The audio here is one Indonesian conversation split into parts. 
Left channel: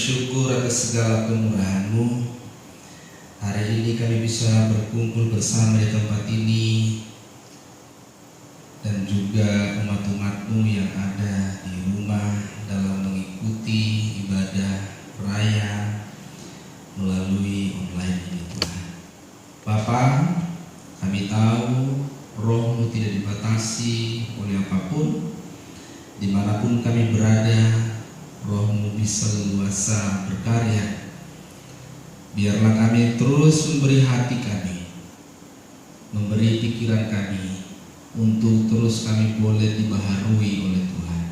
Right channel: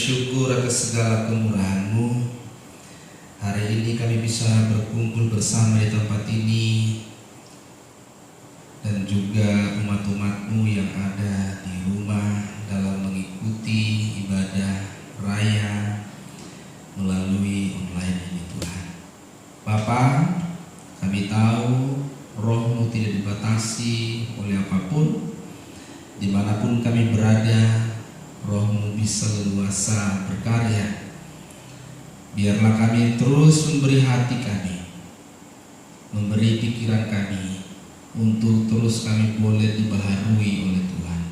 bersyukur atas segala kemurahan-Mu. Hari ini kami bisa berkumpul bersama di tempat ini, dan juga umat-umat-Mu yang ada di rumah dalam mengikuti ibadah raya melalui online ini, Tuhan. Bapa, kami tahu Roh-Mu tidak dibatasi oleh apapun. Dimanapun kami berada, Roh-Mu bisa leluasa berkarya. Biarlah kami terus memberi hati kami, memberi pikiran kami, untuk terus kami boleh dibaharui oleh Tuhan.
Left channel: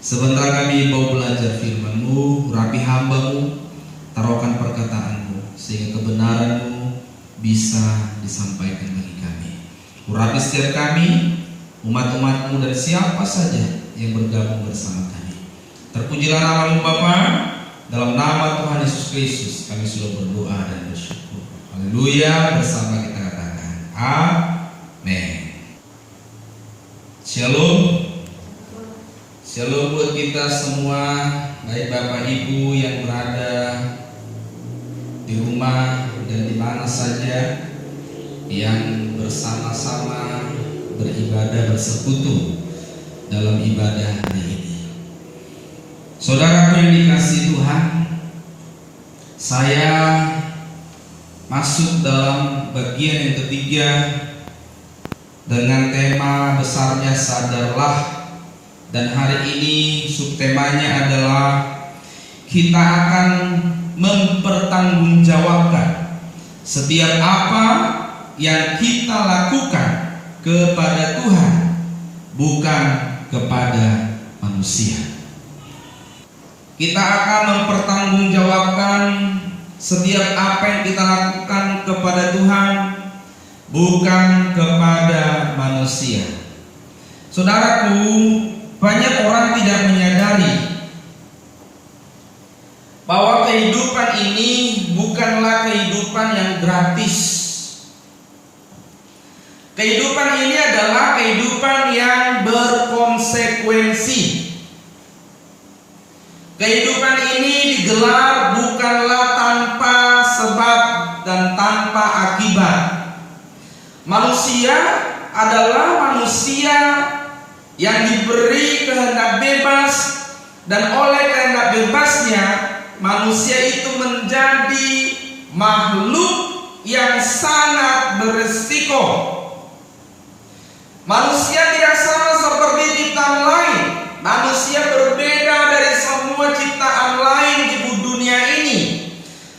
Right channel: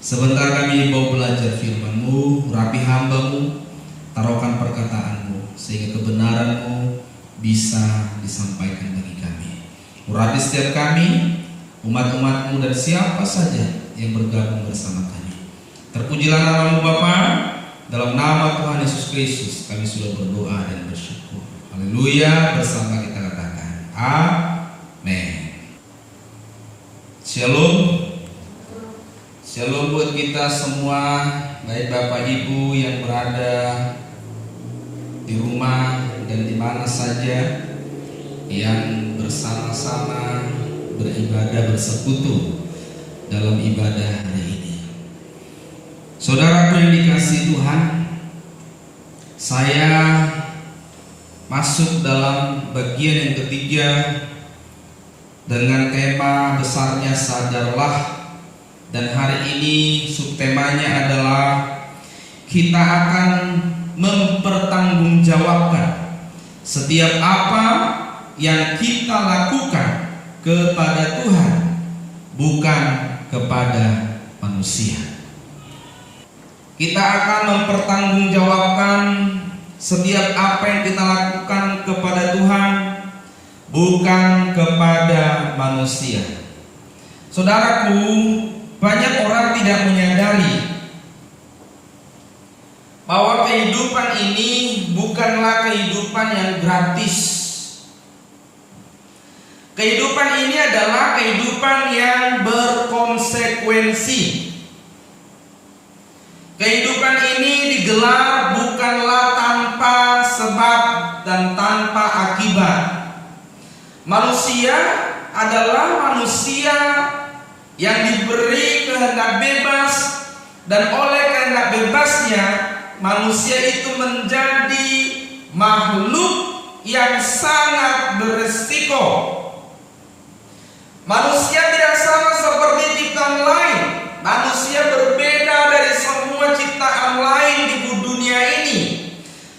Sebentar kami mau belajar firman-Mu, urapi hamba-Mu, taruhkan perkataan-Mu, sehingga kebenaran-Mu bisa disampaikan bagi kami. Urapi setiap kami, umat-umat-Mu, dan siapa saja yang bergabung bersama kami. Terpujilah nama-Mu Bapa. Dalam nama Tuhan Yesus Kristus kami sudah berdoa dan bersyukur. Haleluya. Bersama kita katakan amin. Shalom. Shalom buat kita semua, baik Bapak Ibu yang berada di rumah dan di mana saja yang bersama-sama beribadah bersekutu dalam ibadah hari ini. Saudaraku yang dikasihi Tuhan, saya masuk dalam bagian yang ketiga dengan tema besarnya sadarlah, dan hari ini subtemanya adalah kita akan mempertanggungjawabkan setiap apa yang kita lakukan kepada Tuhan, bukan kepada manusia. Kita akan mempertanggungjawabkan setiap apa yang kita lakukan kepada Tuhan, bukan kepada manusia. Saudaraku, banyak orang tidak menyadari bahwa kehidupan ini bukanlah kehidupan yang gratis. Kehidupan ini adalah kehidupan yang berkonsekuensi. Kehidupan ini digelar bukanlah tanpa sebab dan tanpa akibat. Manusia adalah manusia yang diberi kehendak bebas, dan oleh kehendak bebasnya manusia itu menjadi makhluk yang sangat beresiko. Manusia tidak sama seperti ciptaan lain. Manusia berbeda dari semua ciptaan lain di dunia ini.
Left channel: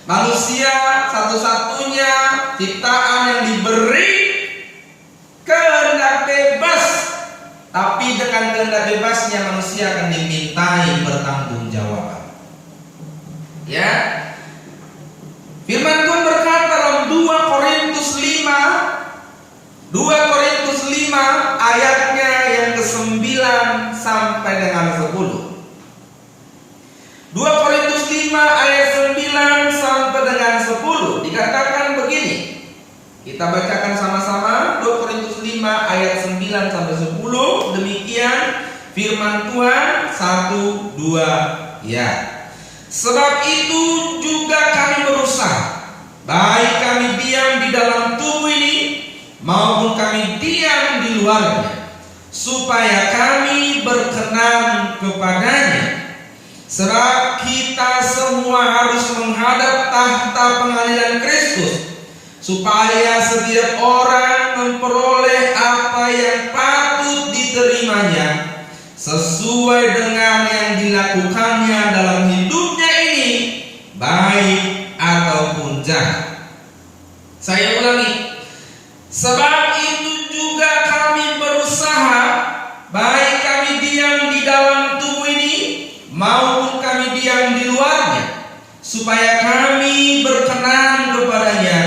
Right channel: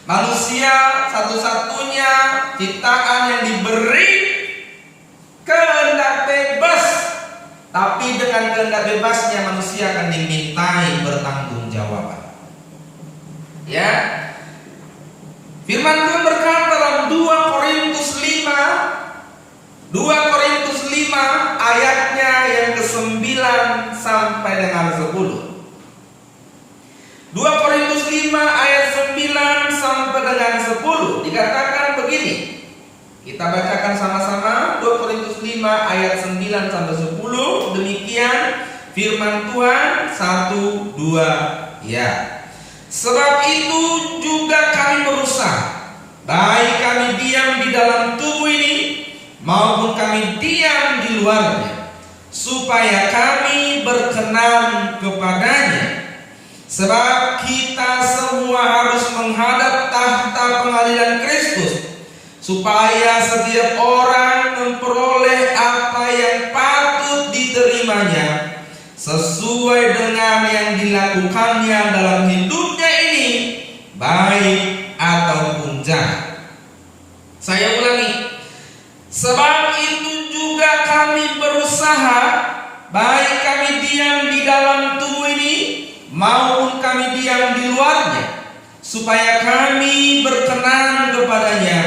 Manusia satu-satunya ciptaan yang diberi kehendak bebas, tapi dengan kehendak bebasnya manusia akan dimintai bertanggungjawaban. Ya, firman Tuhan berkata dalam 2 Korintus 5 ayatnya yang ke-9 sampai dengan 10. 2 Korintus 5 ayat 9 sampai dengan 10 dikatakan begini. Kita bacakan sama-sama 2 Korintus 5 ayat 9 sampai 10. Demikian firman Tuhan. 1, 2, ya. Sebab itu juga kami berusaha, baik kami diam di dalam tubuh ini maupun kami diam di luarnya, supaya kami berkenan kepadanya. Sebab kita semua harus menghadap tahta pengadilan Kristus, supaya setiap orang memperoleh apa yang patut diterimanya sesuai dengan yang dilakukannya dalam hidupnya ini, baik ataupun jahat. Saya ulangi. Sebab itu juga kami berusaha, baik kami diam di dalam tubuh ini maupun kami diam di luarnya, supaya kami berkenan kepadanya.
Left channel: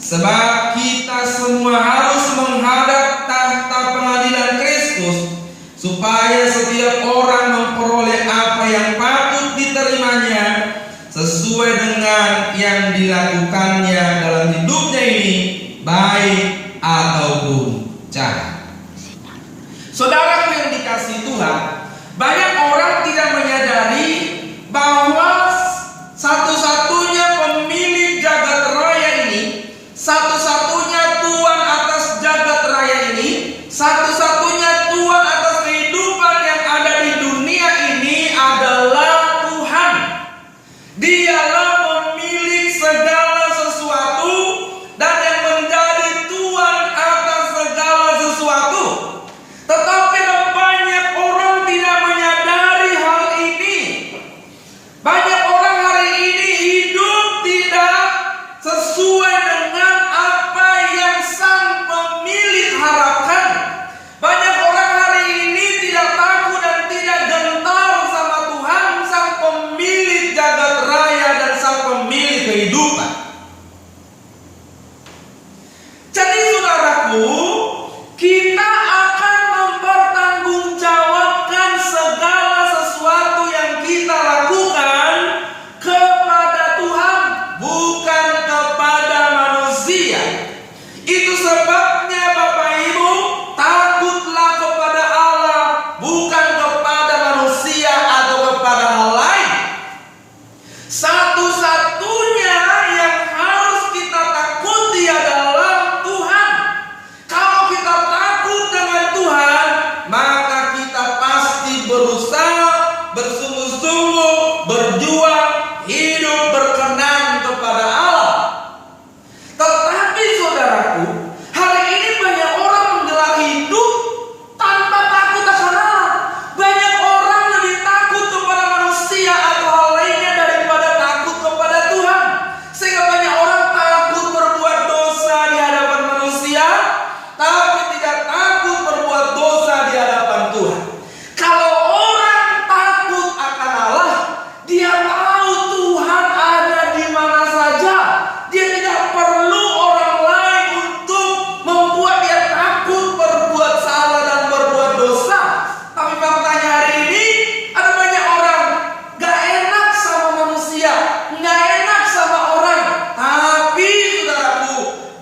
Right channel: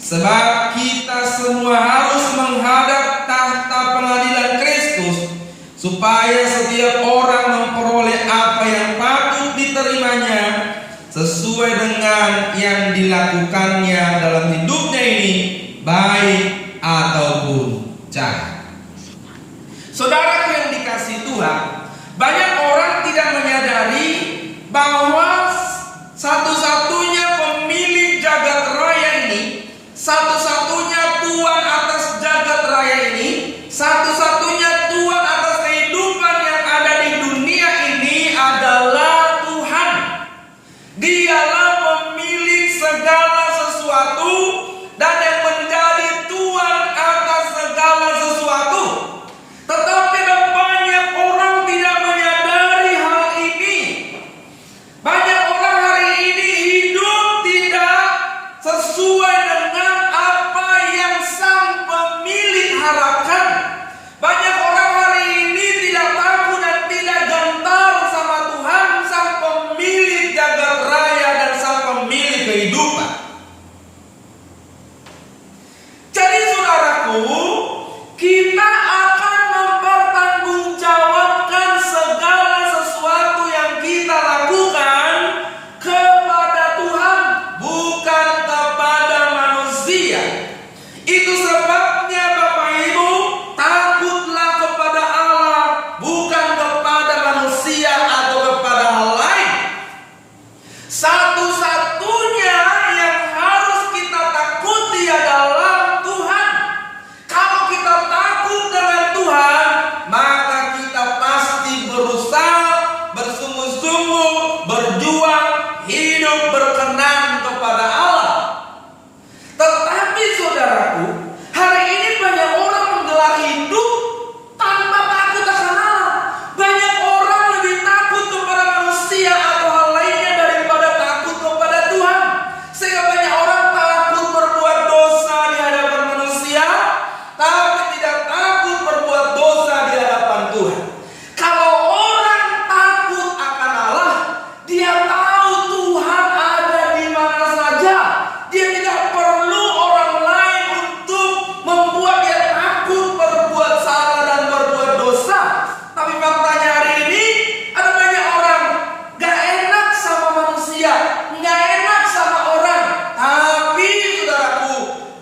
Sebab kita semua harus menghadap tahta pengadilan Kristus, supaya setiap orang memperoleh apa yang patut diterimanya sesuai dengan yang dilakukannya dalam hidupnya ini, baik ataupun jahat. Saudara yang dikasihi Tuhan, banyak orang tidak menyadari bahwa Dialah pemilik segala sesuatu dan yang menjadi Tuhan atas segala sesuatu. Tetapi banyak orang tidak menyadari hal ini. Banyak orang hari ini hidup tidak sesuai dengan apa yang sang pemilik harapkan. Banyak orang hari ini tidak takut dan tidak gentar sama Tuhan, sang pemilik jagat raya dan sang pemilik kehidupan. Jadi saudaraku, kita akan mempertanggungjawabkan segala sesuatu yang kita lakukan kepada Tuhan, bukan kepada manusia. Itu sebabnya Bapak Ibu, takutlah kepada Allah, bukan kepada manusia atau kepada hal lain. Satu-satunya yang harus kita takuti adalah Tuhan. Kalau kita takut dengan Tuhan, maka kita pasti berusaha, bersungguh-sungguh, berjuang, hidup berkenan kepada Allah. Tetapi saudaraku, hari ini banyak orang menggelar hidup tanpa takut akan Allah. Banyak orang lebih takut kepada manusia atau hal lainnya daripada takut kepada Tuhan. Sehingga banyak orang takut berbuat dosa di hadapan manusia, tapi tidak takut berbuat dosa di hadapan Tuhan. Kalau orang takut akan Allah, dia tahu Tuhan ada di mana saja. Dia tidak perlu orang lain untuk membuat dia takut berbuat salah dan berbuat dosa. Tapi faktanya hari ini ada banyak orang gak enak sama manusia, gak enak sama orang. Tapi saudaraku,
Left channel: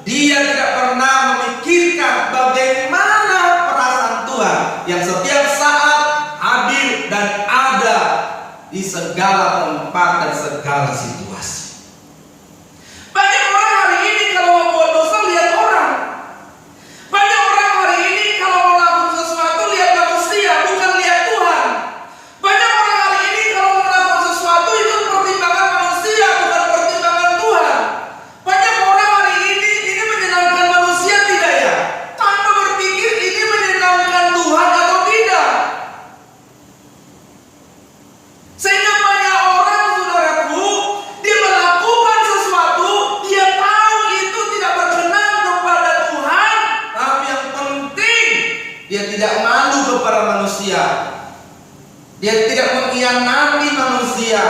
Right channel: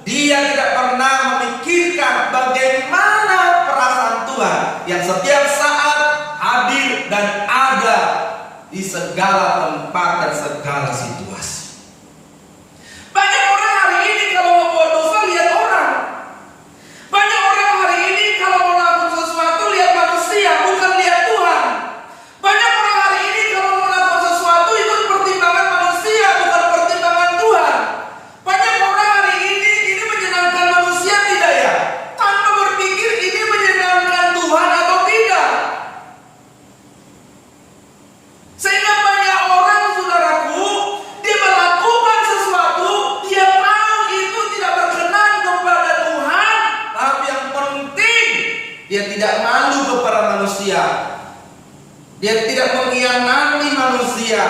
dia tidak pernah memikirkan bagaimana perasaan Tuhan yang setiap saat hadir dan ada di segala tempat dan segala situasi. Banyak orang hari ini kalau membuat dosa lihat orang. Banyak orang hari ini kalau melakukan sesuatu lihat manusia, bukan lihat Tuhan. Banyak orang hari ini kalau melakukan sesuatu ikut pertimbangan manusia, bukan pertimbangan Tuhan. Banyak orang hari ini menyenangkan manusia tidak ya? Tanpa berpikir ini menyenangkan Tuhan atau tidak. Sehingga banyak orang, saudaraku, dia melakukan sesuatu, dia tahu itu tidak berkenan kepada Tuhan, tapi yang penting dia tidak malu kepada manusia. Dia tidak mengkhianati manusia.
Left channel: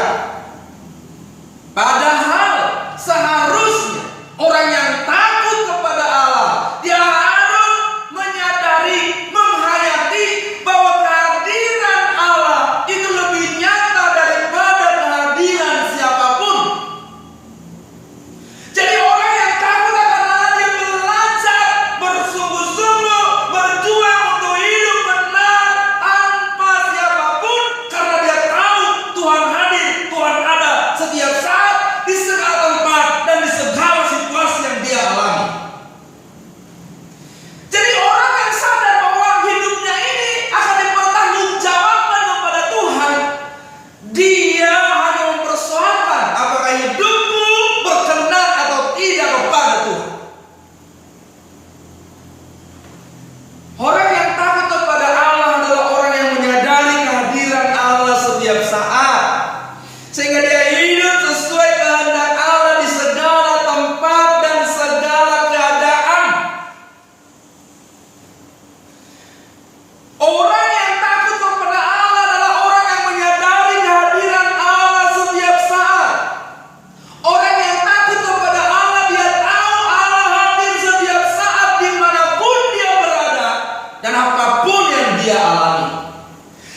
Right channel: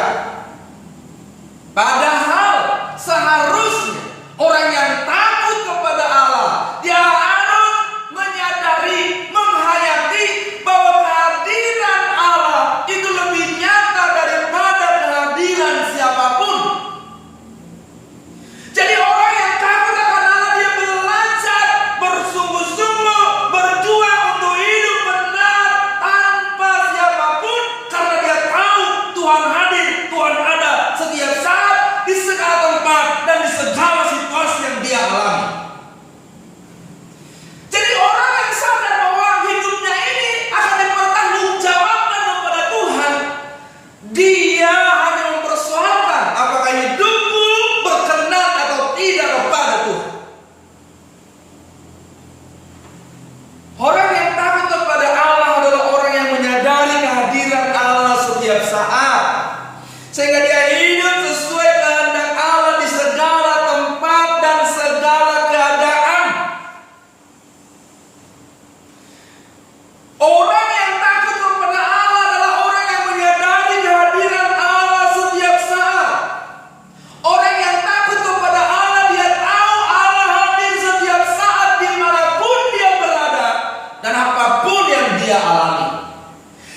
Padahal seharusnya orang yang takut kepada Allah, dia harus menyadari, menghayati bahwa kehadiran Allah itu lebih nyata daripada kehadiran siapapun. Jadi orang yang takut akan Allah, dia belajar bersungguh-sungguh, berjuang untuk hidup benar tanpa siapapun, karena dia tahu Tuhan hadir, Tuhan ada setiap saat, di segala tempat dan di segala situasi yang dia alami. Jadi orang yang sadar bahwa hidupnya ini akan dipertanggungjawabkan kepada Tuhan, dia hanya mempersoalkan apakah hidupku berkenan atau tidak kepada Tuhan. Orang yang takut kepada Allah adalah orang yang menyadari kehadiran Allah setiap saat, sehingga dia hidup sesuai kehendak Allah di segala tempat dan segala keadaan. Orang yang takut kepada Allah adalah orang yang menyadari kehadiran Allah setiap saat. Orang yang takut kepada Allah, dia tahu Allah hadir setiap saat dimanapun dia berada dan apapun yang dia alami.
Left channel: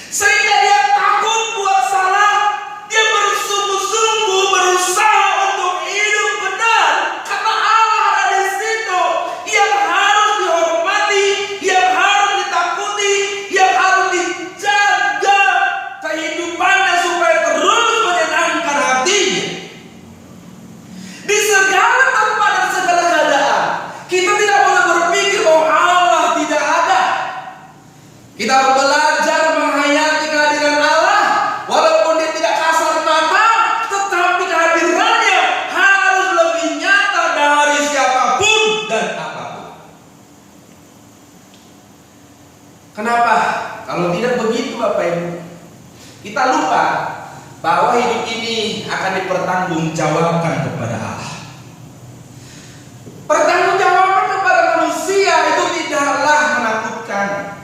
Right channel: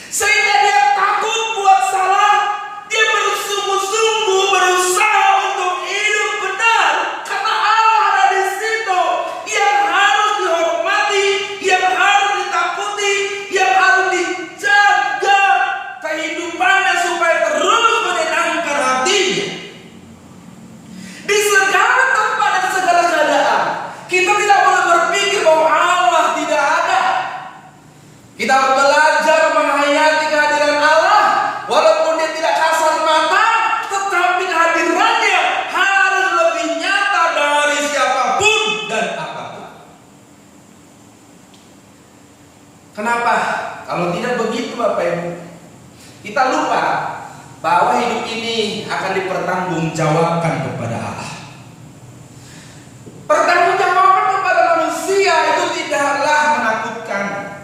Sehingga dia takut buat salah, dia bersungguh-sungguh berusaha untuk hidup benar, karena Allah ada di situ yang harus dihormati, yang harus ditakuti, yang Kalau tidak begitu Bapak Ibu, kita lupa bahwa hidup ini akan dipertanggungjawabkan kepada Allah. Pertanggungjawaban kepada manusia itu tidaklah menakutkan.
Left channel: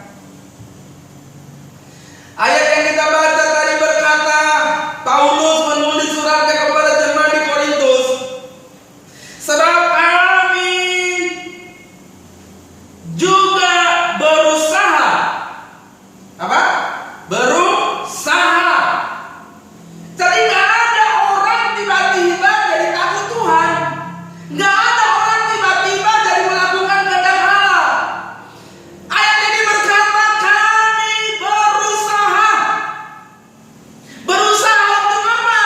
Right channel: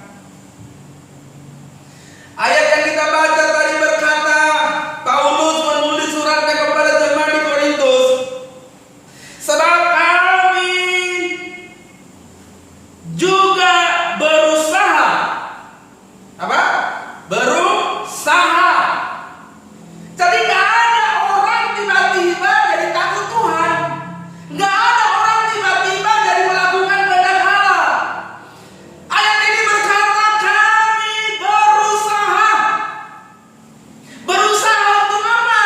Ayat yang kita baca tadi berkata, Paulus menulis suratnya kepada jemaat di Korintus, sebab kami juga berusaha. Apa? Berusaha. Jadi gak ada orang tiba-tiba jadi takut Tuhan. Gak ada orang tiba-tiba jadi melakukan kehendak Allah. Ayat ini berkata kami berusaha. Berusaha untuk apa?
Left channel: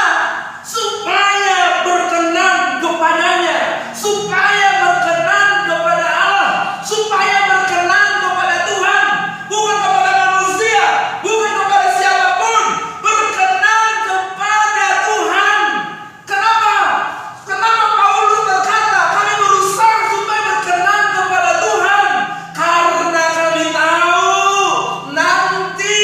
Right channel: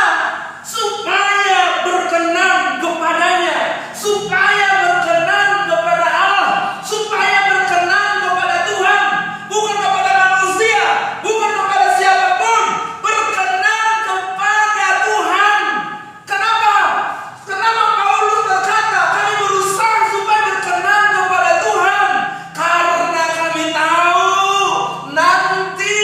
Supaya berkenan kepadanya, supaya berkenan kepada Allah, supaya berkenan kepada Tuhan, bukan kepada manusia, bukan kepada siapapun, berkenan kepada Tuhan. Kenapa? Kenapa Paulus berkata kami berusaha supaya berkenan kepada Tuhan? Karena kami tahu nanti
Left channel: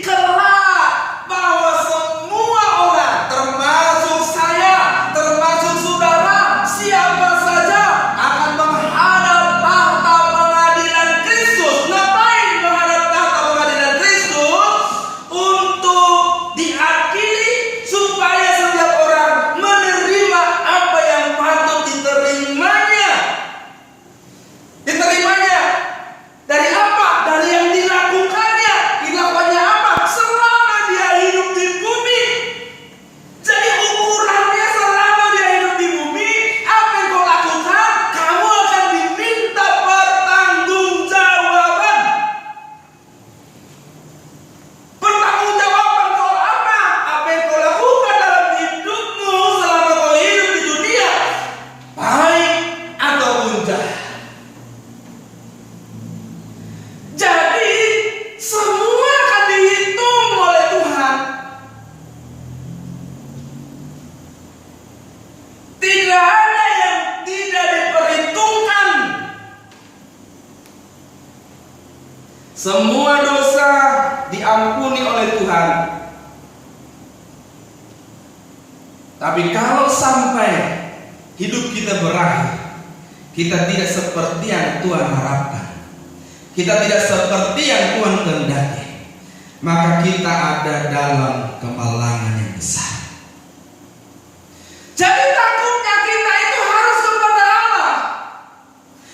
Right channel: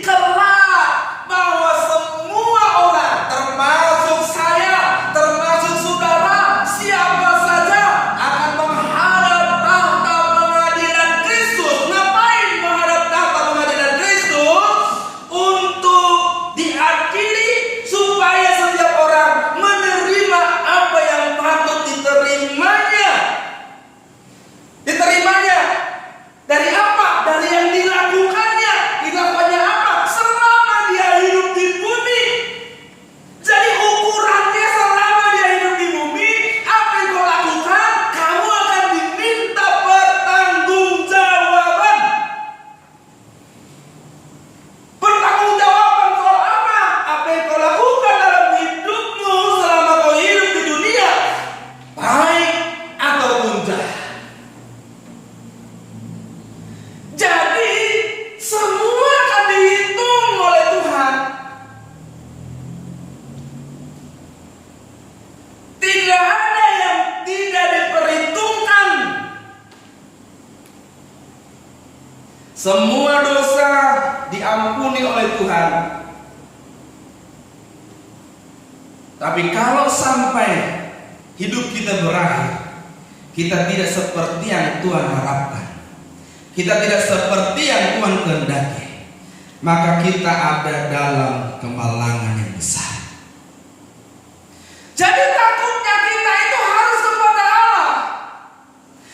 kelak bahwa semua orang, termasuk saya, termasuk saudara, siapa saja akan menghadap tahta pengadilan Kristus. Ngapain menghadap tahta pengadilan Kristus? Untuk diadili, supaya setiap orang menerima apa yang patut diterimanya. Diterimanya dari apa? Dari yang dilakukannya. Dilakukannya apa? Selama dia hidup di bumi. Jadi ukurannya selama dia hidup di bumi, apa yang kau lakukan, kamu akan diminta pertanggungjawaban. Pertanggungjawaban soal apa? Apa yang kau lakukan dalam hidupmu selama kau hidup di dunia, baik ataupun jahat. Jadi semua akan dihitung oleh Tuhan. Tidak ada yang tidak diperhitungkan. Semua dosa diampuni oleh Tuhan. Tapi kalau sampai hidup kita berakhir, kita tidak seperti yang Tuhan harapkan, kita tidak seperti yang Tuhan kehendaki, maka kita ada dalam kemalangan yang besar. Jadi takutnya kita itu harus kepada Allah.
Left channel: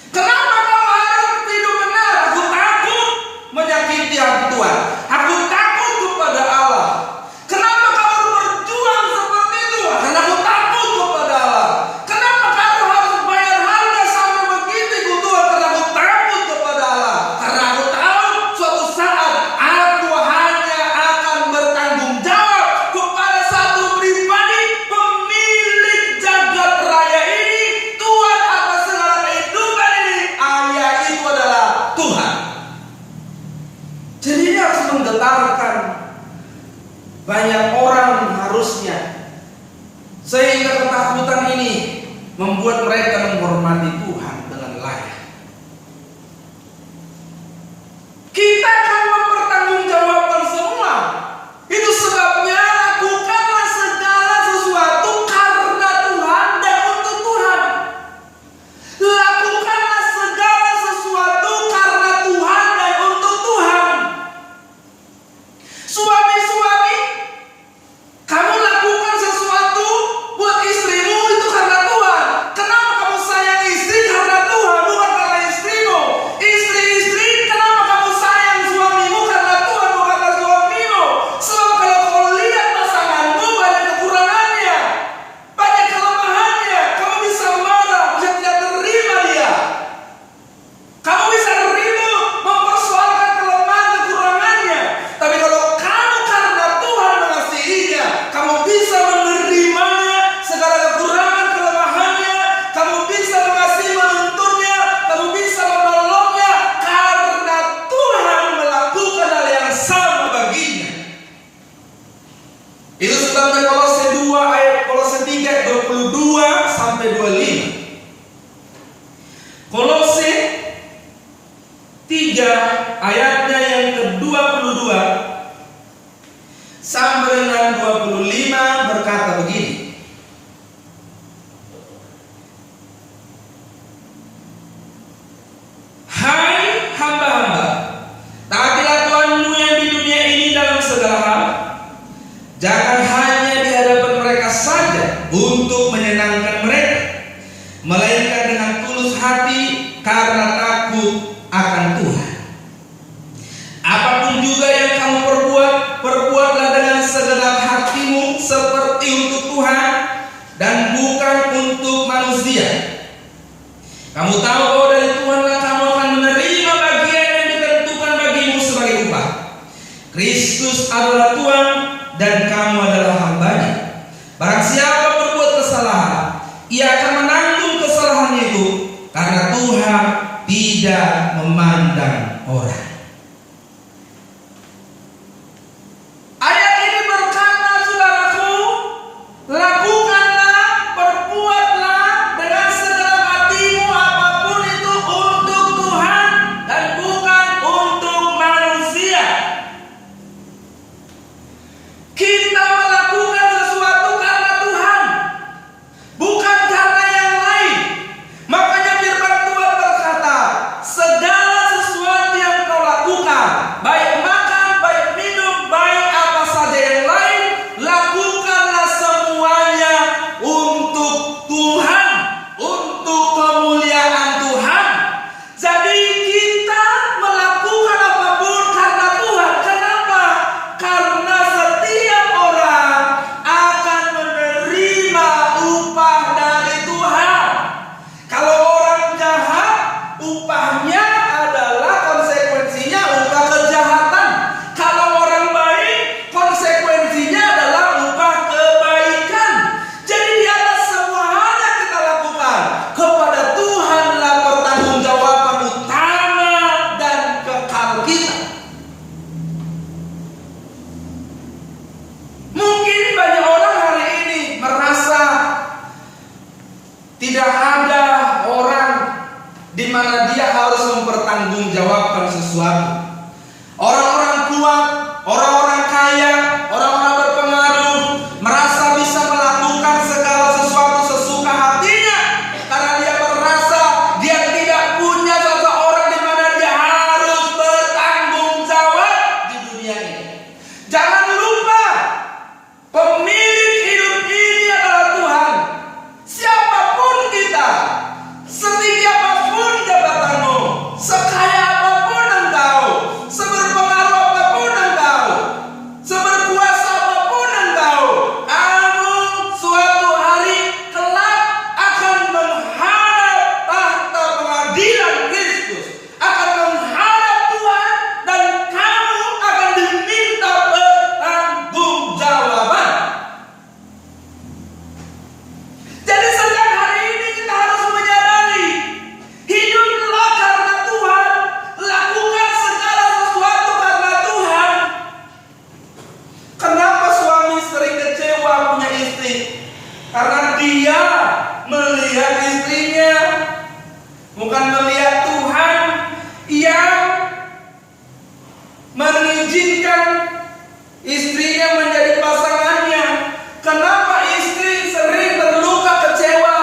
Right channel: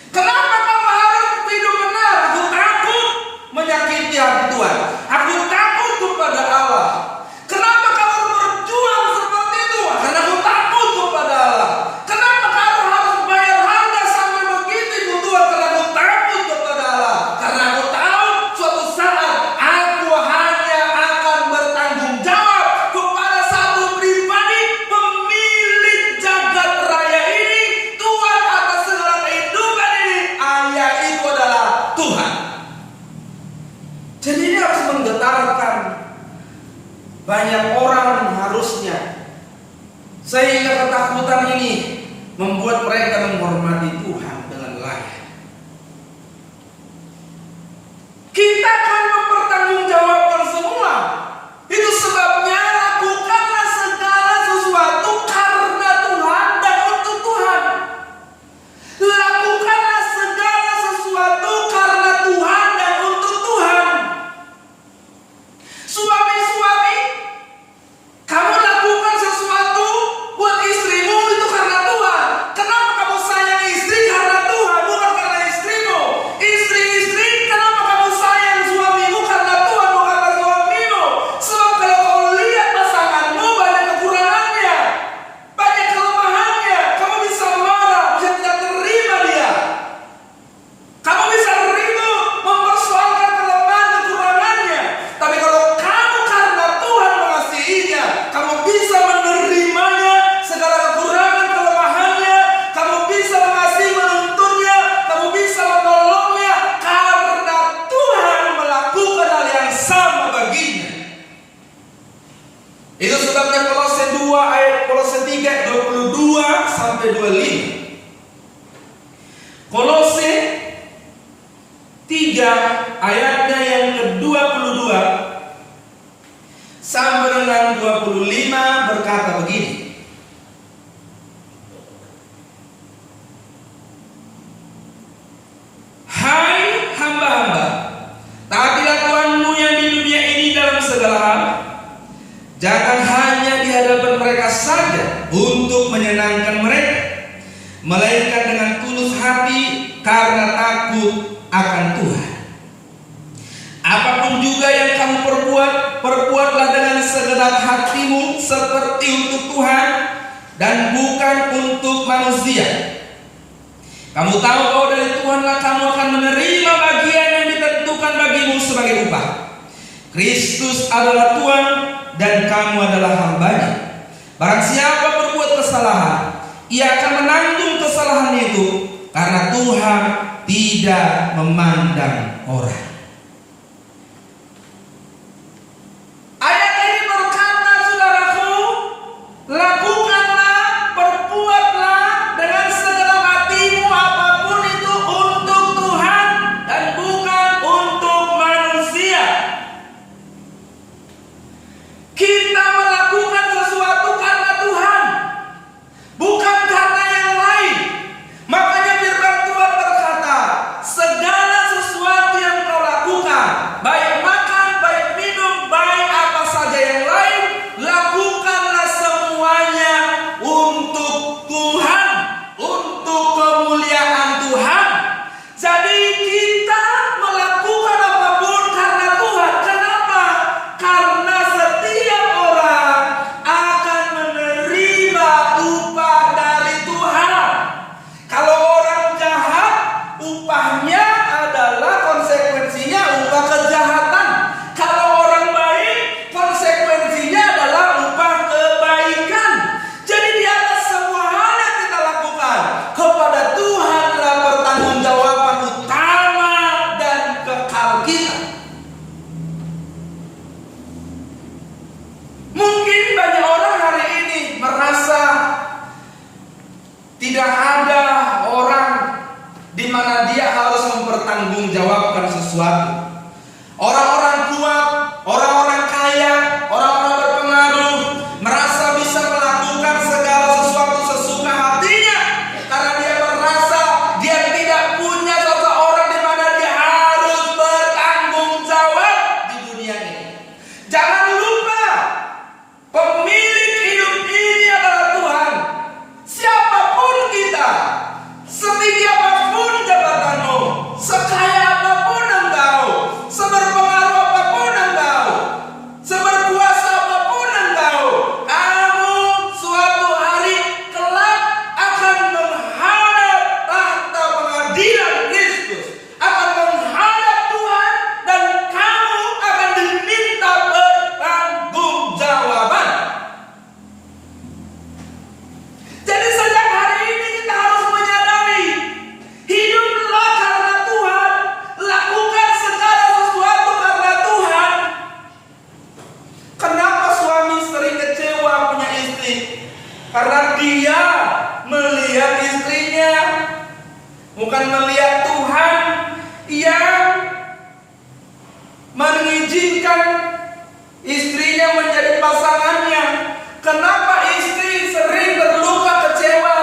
Kenapa kamu harus hidup benar? Aku takut menyakiti hati Tuhan. Aku takut kepada Allah. Kenapa kamu berjuang seperti itu? Karena aku takut kepada Allah. Kenapa kamu harus bayar harga sampai begitu Tuhan? Karena aku takut kepada Allah. Karena aku tahu suatu saat aku hanya akan bertanggung jawab kepada satu pribadi, pemilik jagat raya ini, Tuhan atas segala kehidupan ini. Ayah itu adalah Tuhan. Jadi ini harus menggetarkan banyak orang harusnya, sehingga ketakutan ini membuat mereka menghormati Tuhan dengan layak. Kita akan mempertanggungjawabkan semua. Itu sebabnya lakukanlah segala sesuatu karena Tuhan dan untuk Tuhan. Lakukanlah segala sesuatu karena Tuhan dan untuk Tuhan. Suami-suami, kamu lakukan sesuatu buat istrimu itu karena Tuhan. Kenapa kamu sayang istri? Karena Tuhan, bukan karena istrimu. Istri-istri, kenapa kamu sayang suamimu? Karena Tuhan, bukan karena suamimu. Sebab kalau kau lihat pasanganmu banyak kekurangannya, banyak kelemahannya, kamu bisa marah, bisa tidak terima dia. Kamu bisa ribut, mempersoalkan kelemahan kekurangannya. Tapi kalau kamu karena Tuhan mengasihinya, kamu bisa menerimanya, segala kekurangan kelemahannya, kamu bisa mengasihi menuntunnya, kamu bisa menolongnya, karena Tuhan melakukan hal yang sama baginya. Itu sebabnya Kolose 2 ayat Kolose 3 ayat 22 sampai 25. Kolose 3 3 ayatnya yang ke-22 sampai dengan 25 berkata begini. Hai hamba-hamba, taatilah Tuhanmu yang di dunia ini dalam segala hal. Jangan hanya di hadapan mereka saja untuk menyenangkan mereka, melainkan dengan tulus hati karena takut akan Tuhan. Apapun juga yang kamu perbuatlah dengan segenap hatimu seperti untuk Tuhan dan bukan untuk manusia. Kamu tahu bahwa dari Tuhanlah kamu akan menerima bagian yang ditentukan bagimu sebagai upah. Kristus adalah Tuhan dan kamu adalah hamba-Nya. Barang siapa berbuat kesalahan, ia akan menanggung kesalahan itu, karena Tuhan tidak memandang orang. Ayat ini berkata, saudaraku, lakukanlah, perbuatlah dengan segenap hatimu apapun itu untuk Tuhan dan bukan untuk manusia. Kita melakukan sesuatu karena Tuhan, bukan karena yang lain. Makanya firman Tuhan berkata, segala sesuatu yang kau lakukan, baik makan, baik minum, baik apa saja yang lain, lakukanlah semuanya untuk Tuhan, untuk kemuliaan Tuhan. Jadi kita melakukan apapun karena Tuhan. Kenapa? Karena setiap orang akan menerima upah dari Tuhan. Kalau orang jahat, upahnya adalah konsekuensinya upah kejahatan. Kalau orang baik, konsekuensinya adalah upah kebaikan. Jadi di atas semua hal yang kita lakukan, kepada Tuhanlah pertanggungjawaban utama dan kekal kita. Mungkin banyak orang hari ini merasa tidak ada orang di mana dia harus mempertanggungjawabkan sesuatu. Orang-orang kuat, orang-orang kaya, orang-orang berpengaruh merasa bisa melakukan segala sesuatu sesuka hatinya karena dia merasa dia tidak punya seseorang di mana dia harus bertanggung jawab di dunia ini. Jangan lupa, pemilik hidup ini adalah Tuhan. Siapapun kita, setinggi apapun jabatanmu, sekaya apapun engkau, seberpengaruh apapun engkau, seberkuasa apapun engkau, kamu suatu hari kelak akan menghadap tahta pengadilan Kristus, akan menghadap Tuhan, dan kamu akan diminta pertanggungjawaban. Jadi sejak hari ini kita harus menyadari, hiduplah karena Tuhan, lakukan segala sesuatu karena Tuhan. Kenapa suami sering kecewa punya istri? Karena dia melihat istrinya, bukan melihat Tuhan yang mengizinkan istrinya menjadi pasangannya. Kenapa istri sering terluka kecewa?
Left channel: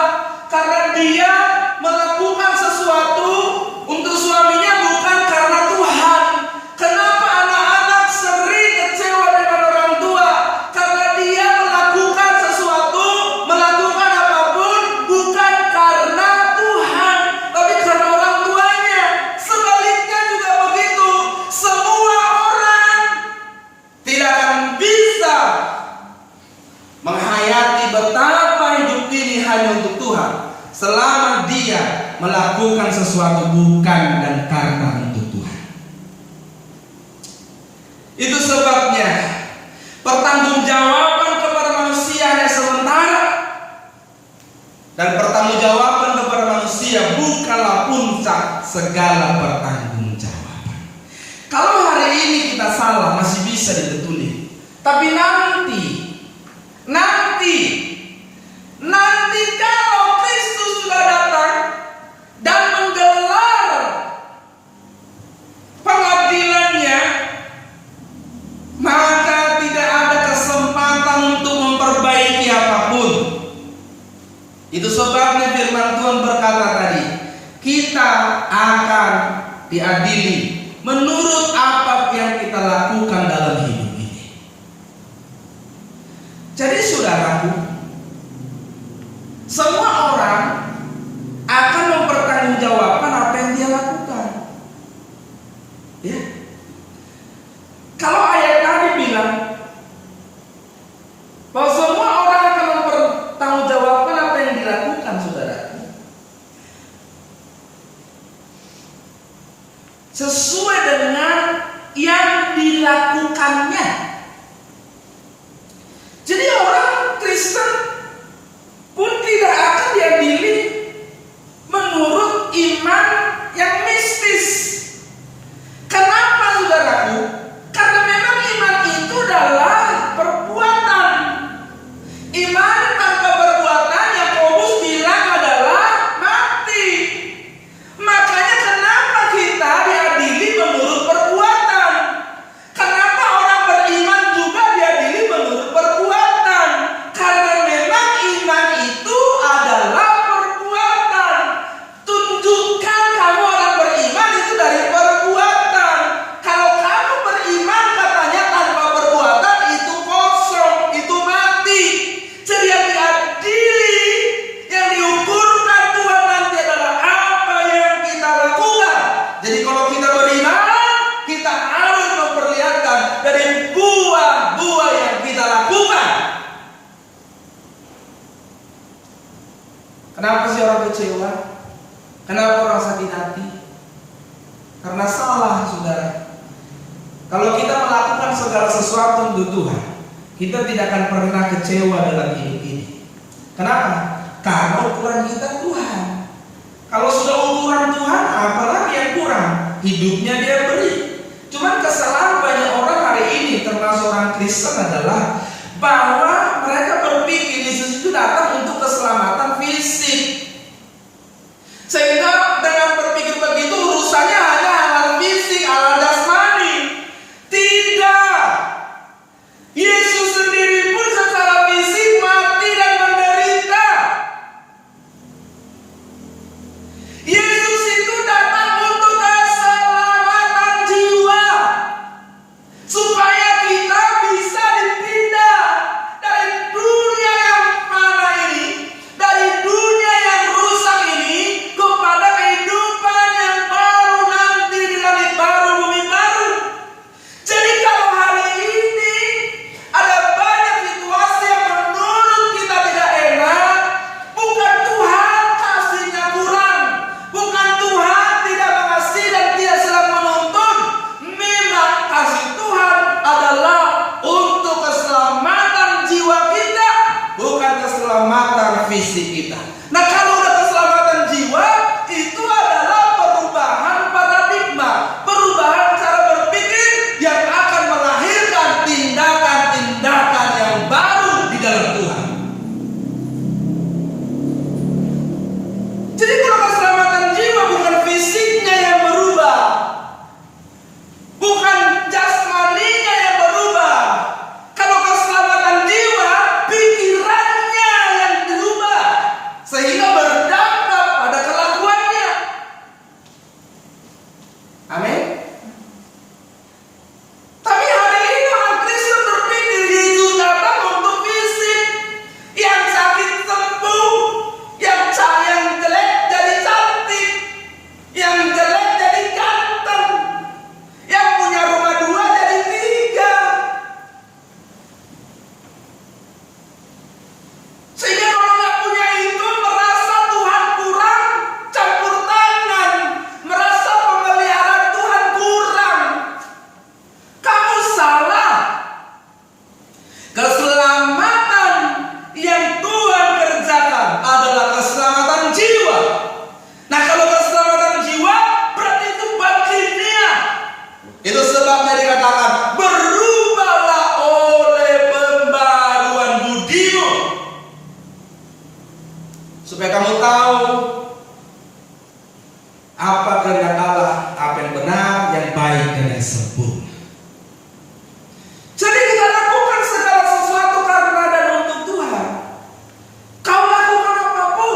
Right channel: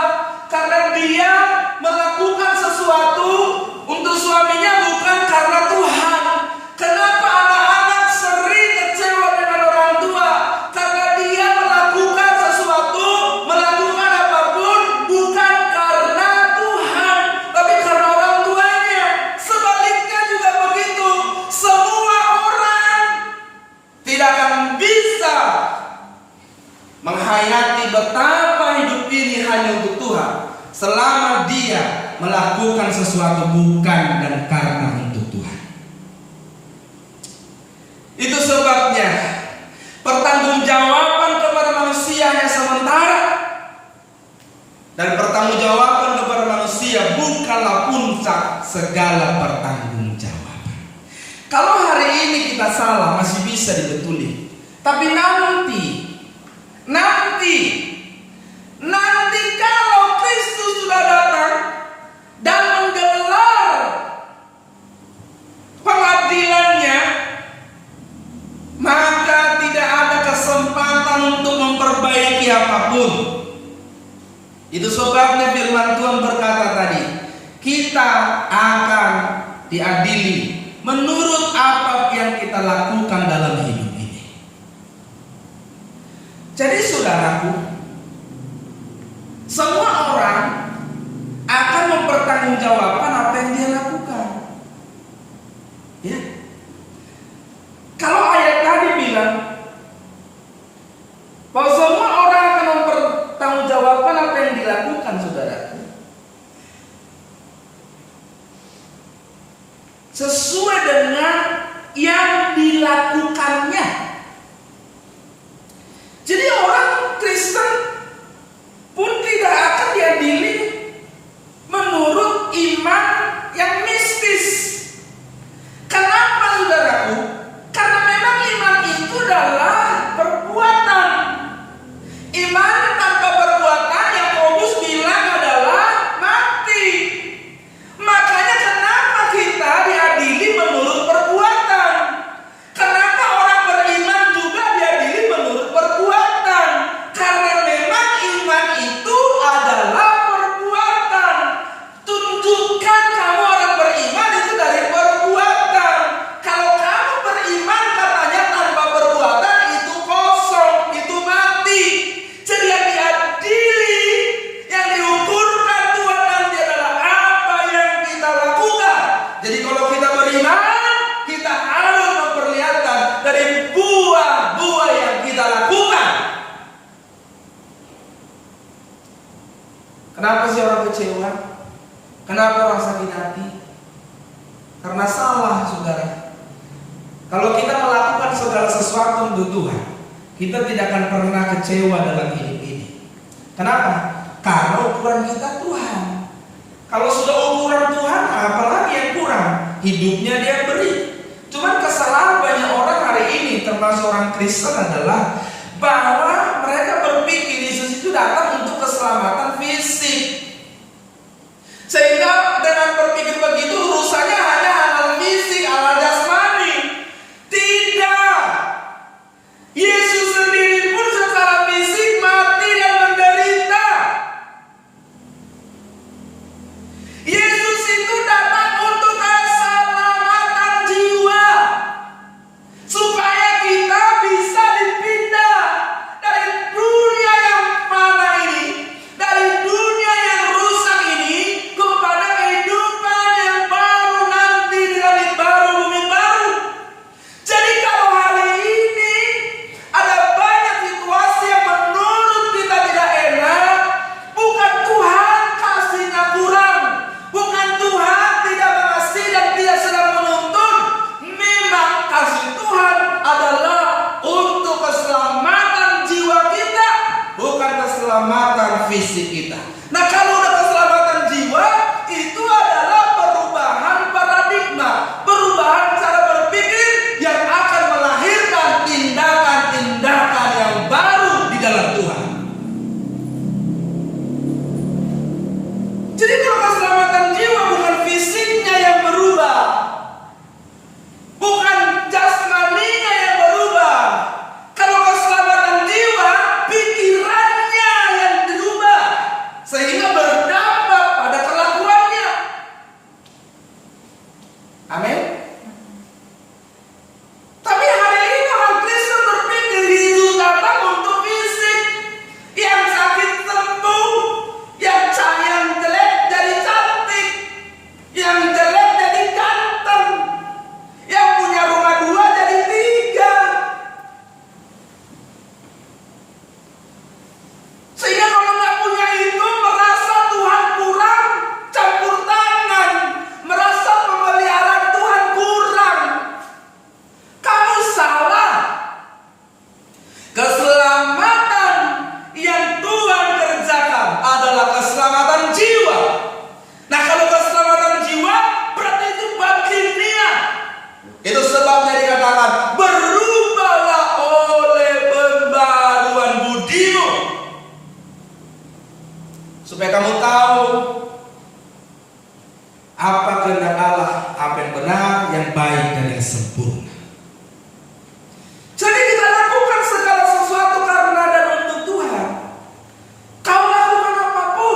Karena dia melakukan sesuatu untuk suaminya bukan karena Tuhan. Kenapa anak-anak sering kecewa dengan orang tua? Karena dia melakukan sesuatu, melakukan apapun bukan karena Tuhan, tapi karena orang tuanya. Sebaliknya juga begitu. Semua orang tidak akan bisa menghayati betapa hidup ini hanya untuk Tuhan selama dia melakukan sesuatu bukan dan karena untuk Tuhan. Itu sebabnya pertanggungjawaban kepada manusia hanya sementara, dan pertanggungjawaban kepada manusia bukanlah puncak segala pertanggungjawaban. Kalau hari ini kita salah masih bisa dibetuli, tapi nanti kalau Kristus sudah datang dan menggelar Itu sebabnya firman Tuhan berkata tadi, kita akan diadili menurut apa yang kita lakukan dalam hidup ini. Jadi saudaraku, semua orang akan mempertanggungjawabkan apa yang dia lakukan. Ya. Kalau ayat tadi bilang bahwa semua orang akan mempertanggungjawabkan apa yang dilakukan, saudaraku, sesuai dengan yang dilakukannya. Jadi orang Kristen pun tidak akan diadili menurut iman yang mistis. Kenapa, saudaraku? Karena memang iman itu adalah perbuatan. Iman tanpa perbuatan, Yakobus bilang, adalah mati. Makanya kenapa kita diadili menurut perbuatan? Kenapa orang beriman juga diadili menurut perbuatan? Karena memang iman itu adalah perbuatan. Tunjukkan kamu orang beriman itu dari perbuatan. Kalau kamu beriman katanya tanpa perbuatan, itu kosong, itu mati. Jadi yang diadili, yang diukurkan Tuhan nanti adalah apa yang kita lakukan. Jadi kalau kita beriman, kita harus memperlihatkan dari buah-buah yang kita lakukan. Kenapa sih orang kecewa? Kenapa orang sakit hati? Karena salah, saudara. Kalau kita melakukan segala sesuatu untuk Tuhan, kita tidak akan pernah kecewa dalam hidup ini. Kenapa? Karena ukuran kita Tuhan. Kalau sudah ukuran Tuhan, apalagi yang kurang? Hidupnya dia beri. Cuman kesalahan banyak orang hari ini, termasuk orang Kristen, adalah bahwa mereka berpikir Yesus itu datang untuk keselamatan fisik. Sehingga dengan berpikir begitu urusannya hanya hal fisik, hal jasmani. Tidak. Yesus sendiri pun secara fisik mati dan menderita. Yesus itu datang untuk keselamatan jiwa, supaya kita bisa dipindah dari dunia yang fana ini, dari dunia yang rusak ini, kepada kehidupan yang baru nanti di langit baru, bumi baru. Jadi kalau hari ini ada banyak situasi yang menurut kita tidak enak, bukan Tuhan kasihnya kurang, bukan Tuhan tidak mengasihi dan tidak sedang menuntun. Memang kasih Tuhan adalah untuk keselamatan jiwa kita, bukan keselamatan fisik kita. Nah, kalau udah keselamatan jiwa, itu adalah perubahan paradigma, perubahan cara berpikir yang akan melahirkan tindakan-tindakan yang baru di dalam Tuhan. Jadi kalau keselamatan jiwa bukan fisiknya yang berubah, bukan jasmaninya yang berubah. Kalau keselamatan jiwa, pikirannya yang dirubah, sehingga berdampak pada kelakuannya. Amin. Tapi hari ini orang Kristen berpikir Yesus datang untuk fisik, yang sakit sembuh, yang jelek jadi cantik, yang jelek jadi ganteng, yang punya rumah 2 jadi 3. Sehingga kalau nggak punya itu merasa Tuhan kurang campur tangan, merasa pemeliharaan Tuhan kurang. Kamu salah. Keselamatan yang Tuhan kerjakan adalah keselamatan jiwa. Nah, kalau keselamatan jiwa berarti itu bagiannya. Itu sebabnya dikatakan berubahlah oleh pembaruan budimu, supaya kamu tahu apa kehendak Allah, apa yang benar, yang baik dan yang sempurna. Jadi kita lakukan segala sesuatu karena dan untuk Tuhan. Kau lakukan apapun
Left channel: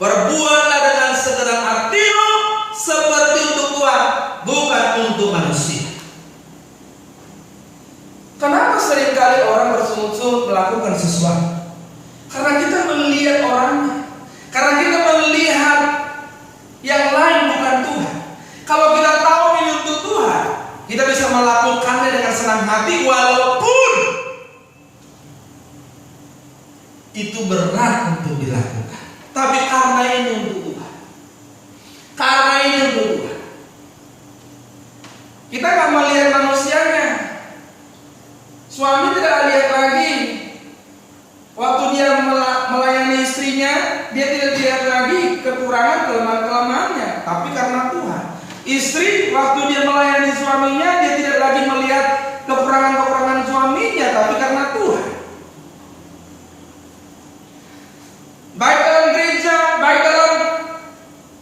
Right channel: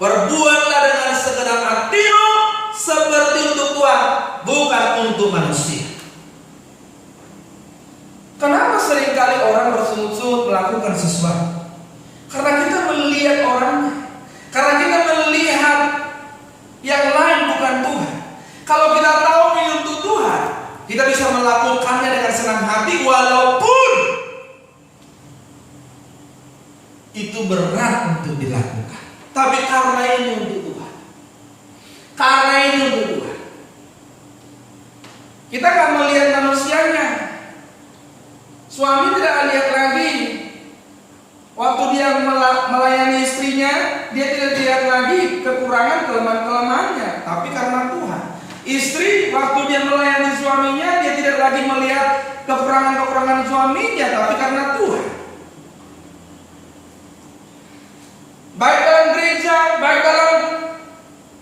Berbuatlah dengan segenap hatimu seperti untuk Tuhan, bukan untuk manusia. Kenapa seringkali orang bersungut-sungut melakukan sesuatu? Karena kita melihat orangnya, karena kita melihat yang lain bukan Tuhan. Kalau kita tahu ini untuk Tuhan, kita bisa melakukannya dengan senang hati walaupun itu berat untuk dilakukan. Tapi karena ini untuk Tuhan, karena ini untuk Tuhan, kita gak melihat manusianya. Suami tidak lihat lagi waktu dia melayani istrinya, dia tidak lihat lagi kekurangan kelemahan-kelemahannya, tapi karena Tuhan. Istri waktu dia melayani suaminya, dia tidak lagi melihat kekurangan-kekurangan suaminya, tapi karena Tuhan. Baik dalam gereja, baik dalam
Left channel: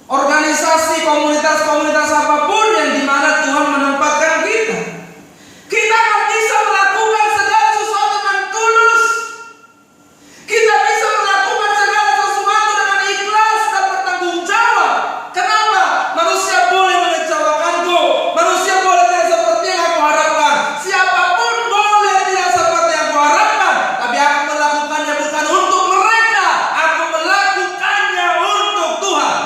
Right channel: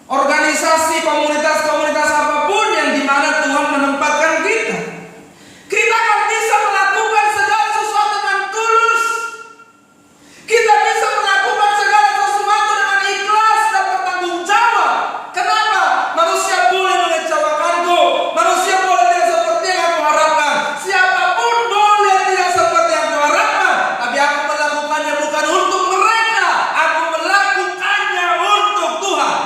organisasi, komunitas-komunitas apapun yang dimana Tuhan menempatkan kita, kita akan bisa melakukan segala sesuatu dengan tulus. Kita bisa melakukan segala sesuatu dengan ikhlas dan bertanggung jawab. Kenapa? Manusia boleh mengecewakanku, manusia boleh tidak seperti yang aku harapkan, siapapun boleh tidak seperti yang aku harapkan, tapi aku melakukannya bukan untuk mereka, aku melakukannya untuk Tuhan.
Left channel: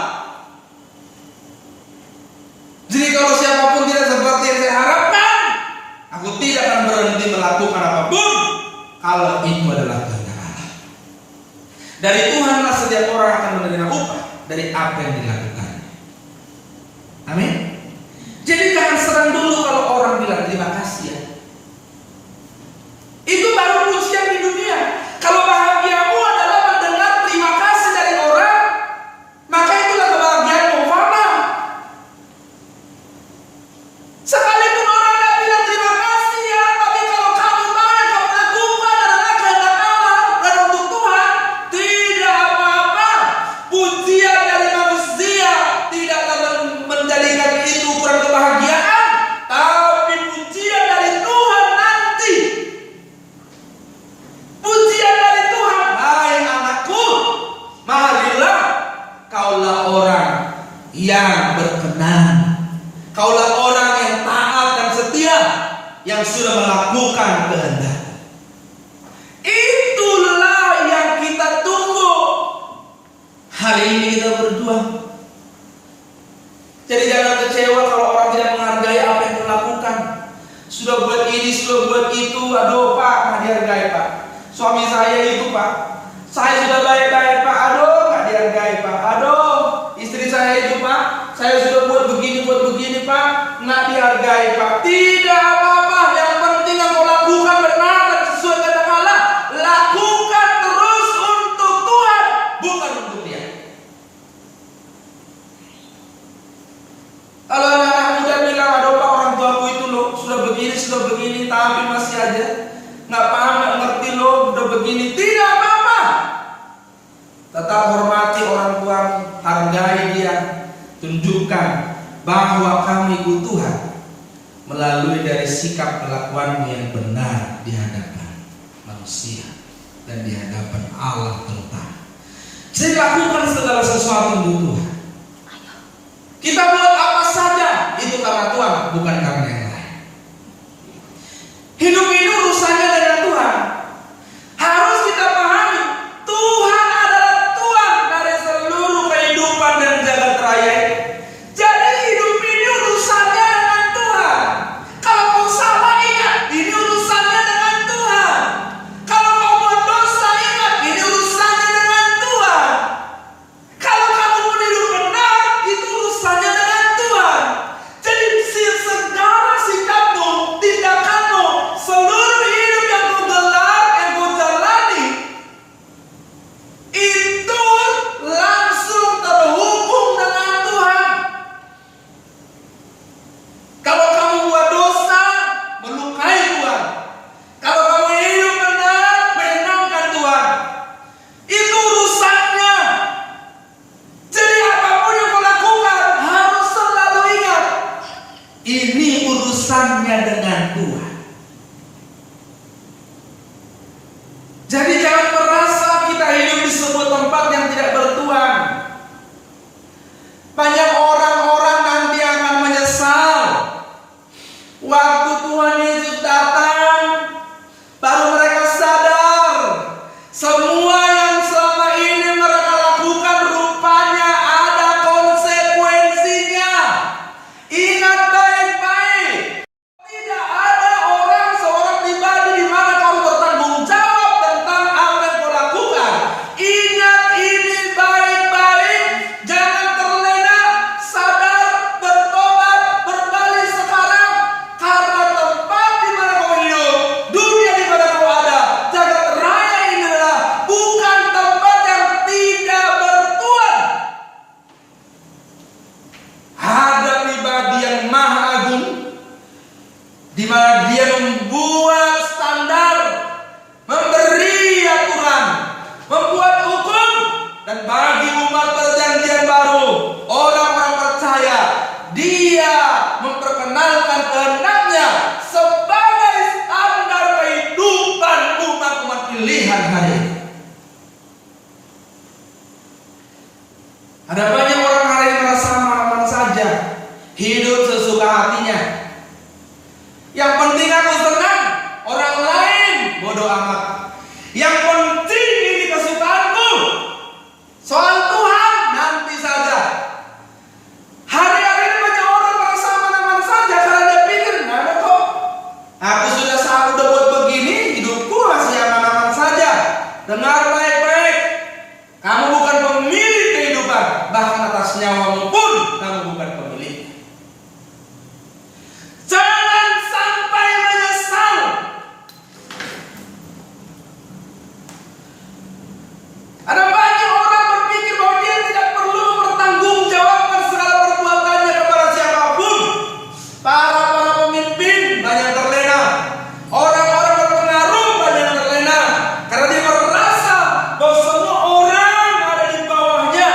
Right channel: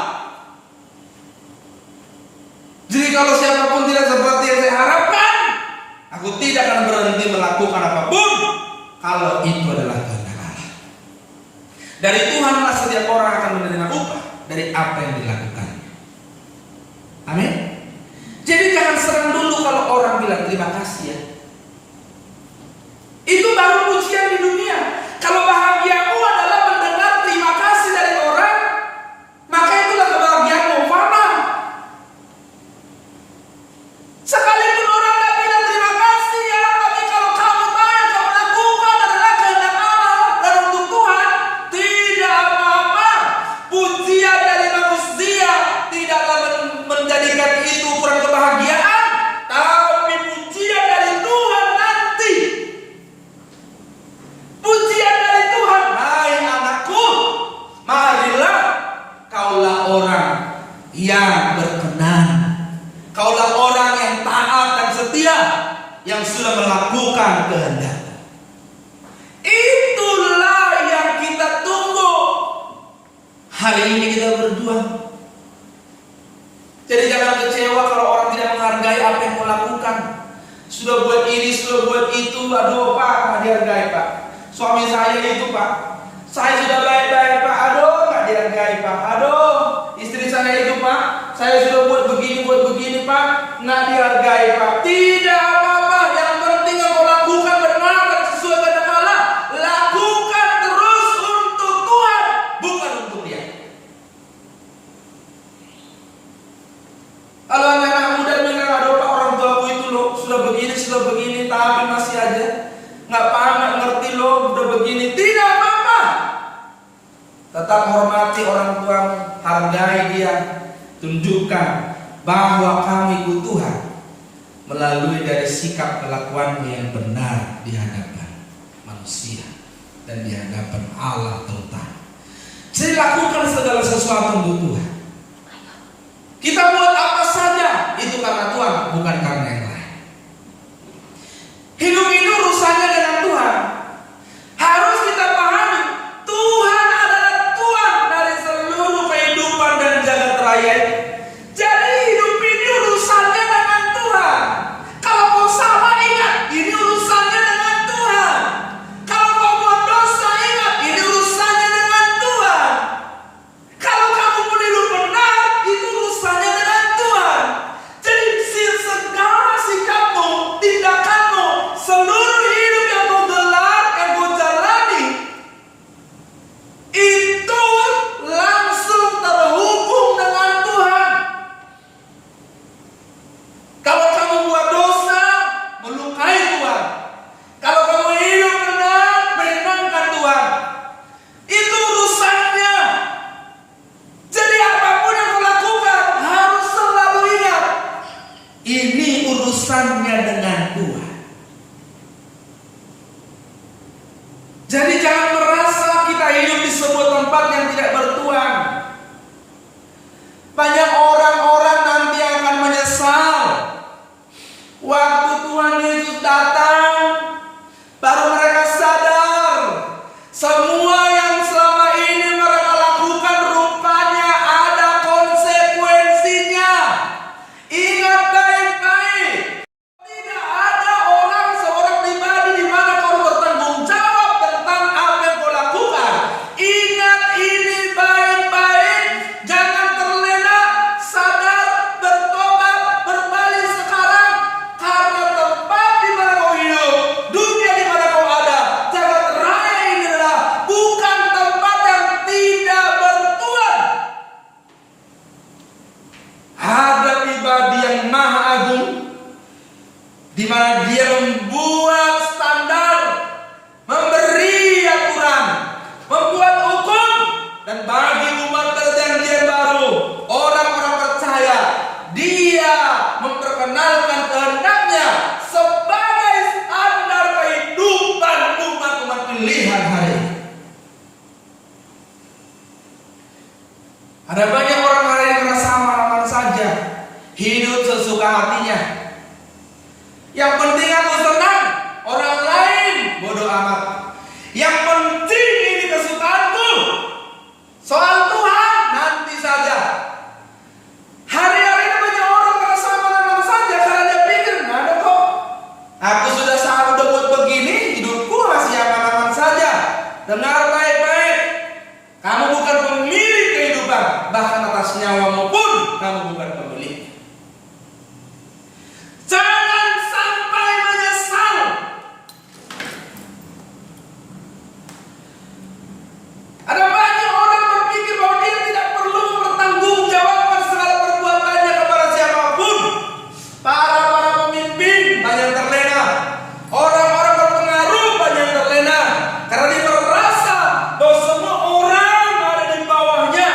Jadi kalau siapapun tidak seperti yang saya harapkan, aku tidak akan berhenti melakukan apapun kalau itu adalah kehendak Allah. Dari Tuhanlah setiap orang akan menerima upah dari apa yang dilakukannya. Amin. Jadi jangan senang dulu kalau orang bilang terima kasih ya. Itu baru pujian di dunia. Kalau bahagiamu adalah mendengar terima kasih dari orang, maka itulah kebahagiaanmu. Faham? Sekalipun orang tak bilang terima kasih ya, tapi kalau kamu tahu yang kamu lakukan adalah kehendak Allah dan untuk Tuhan, tidak apa-apa. Pujian dari manusia tidaklah menjadikan itu ukuran kebahagiaan, tapi pujian dari Tuhan nanti. Pujian dari Tuhan, hai anakku, marilah kaulah orang yang berkenan. Kaulah orang yang taat dan setia, yang sudah melakukan kehendak-Ku. Itulah yang kita tunggu. Hari ini kita berjuang. Jadi jangan kecewa kalau orang tidak menghargai apa yang kau lakukan. Sudah buat ini, sudah buat itu. Aduh Pak, nggak dihargai Pak. Suami saya itu Pak, saya sudah baik-baik Pak. Aduh nggak dihargai Pak. Aduh istri saya itu Pak, saya sudah buat begini Pak, nggak dihargai Pak. Tidak apa-apa, yang penting yang kau lakukan benar dan sesuai kehendak Allah. Lakukan terus untuk Tuhan, bukan untuk dia. Kalau anak muda bilang, aduh Pak, orang tuaku itu loh sudah begini, tapi masih aja nggak paham, nggak ngerti loh, udah begini. Tidak apa-apa. Tetap hormati orang tuamu, hargai dia, tunjukkan bahwa kamu ikut Tuhan melalui dari sikap kelakuanmu yang benar di hadapan manusia dan di hadapan Allah terutama. Jadi lakukan segala sesuatu untuk Tuhan. Kita buat apa saja itu karena Tuhan, bukan karena yang lain. Hidup ini urusannya dengan Tuhan. Harus kita pahami, Tuhan adalah Tuhan dari seluruh kehidupan dan jagat raya. Jadi hidup ini urusannya dengan Tuhan. Kalau kau salah, ingat ini urusannya dengan Tuhan. Kalau kau buat dosa, ingat ini urusannya dengan Tuhan. Kalau kamu pun hidup benar, itu urusannya dengan Tuhan. Jadi segala sikapmu, tindakanmu, seluruh hidup yang kau gelar, yang kau jalani, itu langsung terhubung dengan Tuhan. Kalau kamu buat dosa, melukai Tuhan. Kalau kamu hidup benar, menyenangkan Tuhan. Itu urusannya. Jadi apapun yang kau lakukan, harus selalu ingat, ini urusannya dengan Tuhan. Jadi jangan merasa kita hidup di sebuah tempat yang tidak bertuhan. Banyak orang-orang nanti akan menyesal. Waktu Tuhan Yesus datang, baru mereka sadar semua yang selama ini mereka lakukan rupanya ada konsekuensinya. Ingat baik-baik, tidak ada orang seorang pribadi di mana kau bertanggung jawab tentang apa yang kau lakukan. Ingat ini baik-baik, jangan terlena, sadar, bertobat, berbalik sekarang. Karena tempat di mana kau hidup, dunia di mana kau ada, jagat raya ini adalah bukan tempat yang tidak bertuan. Ada pribadi yang maha agung, di mana dia membuat standar, memberi aturan, membuat hukum, dan bagi umat perjanjian baru, orang-orang percaya, dia memperkenalkan kehendaknya sebagai standar kehidupan umat-umat pilihan hari ini. Ada banyak orang hari ini merasa aman-aman saja, hidup sesuka hatinya. Yang penting aku senang, orang lain bodoh amat. Yang penting ini kesukaanku. Soal Tuhan nanti saja. Hari-hari ini banyak orang merasa aman-aman saja karena dia pikir, nggak ada kok. Aku udah buat begini, hidupku masih aman-aman saja. Dengar baik-baik, kamu bukan pemilik kehidupan, bahkan atas nyawamu pun kamu bukan pemilik. Jangan sampai menyesal. Ada banyak orang berpikir bahwa dia tidak perlu mempertanggungjawabkan segala perbuatannya kepada siapapun. Para pemimpin banyak terlena, orang-orang berpengaruh banyak terlena, karena dia merasa bahwa semua orang ada di bawahnya.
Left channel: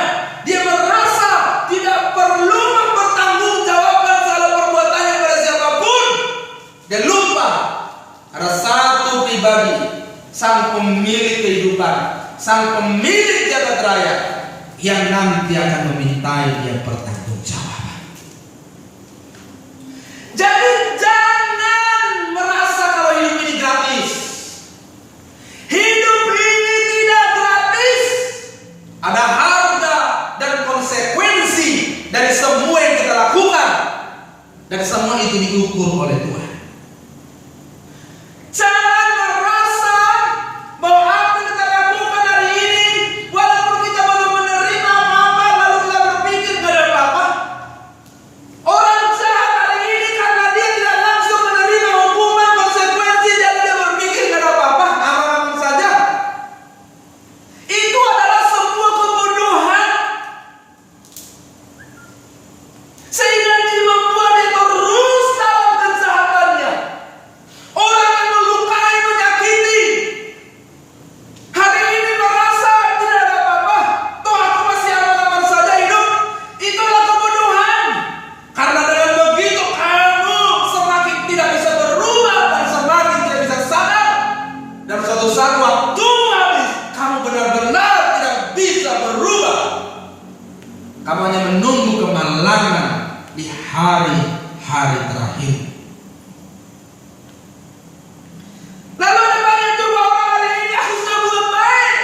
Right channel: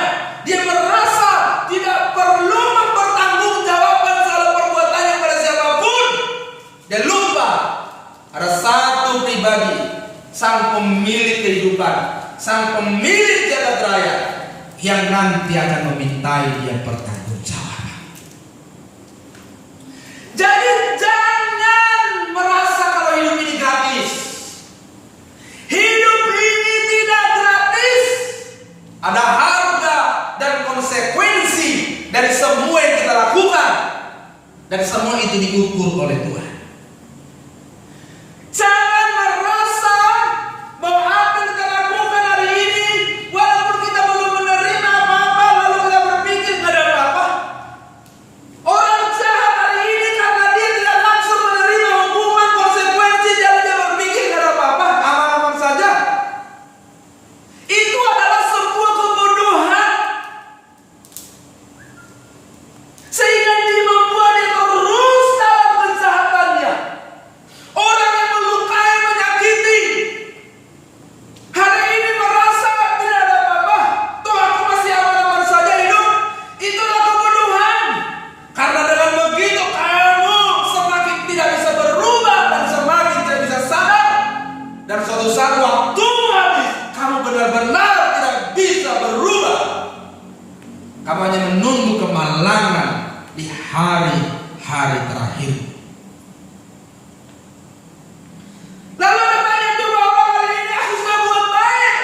Dia merasa tidak perlu mempertanggungjawabkan segala perbuatannya kepada siapapun. Dia lupa ada satu pribadi, sang pemilik kehidupan, sang pemilik jagat raya, yang nanti akan memintai dia pertanggungjawaban. Jadi jangan merasa kalau hidup ini gratis. Hidup ini tidak gratis. Ada harga dan konsekuensi dari semua yang kita lakukan, dan semua itu diukur oleh Tuhan. Jangan merasa bahwa apa yang kita lakukan hari ini, walaupun kita belum menerima apa-apa, lalu kita berpikir gak ada apa-apa. Orang jahat hari ini karena dia tidak langsung menerima hukuman konsekuensi, jadi dia berpikir gak ada apa-apa, aman-aman saja. Itu adalah sebuah kebodohan, sehingga dia membuat dia terus dalam kejahatannya. Orang yang melukai, menyakiti, hari ini merasa tidak ada apa-apa, toh aku masih aman-aman saja hidup. Itu adalah kebodohan. Karena dengan begitu kamu semakin tidak bisa berubah dan semakin tidak bisa sadar. Dan suatu saat waktu habis, kamu benar-benar tidak bisa berubah. Kamu hanya menunggu kemalangan di hari-hari terakhir. Lalu ada banyak juga orang hari ini, aku sudah buat baik,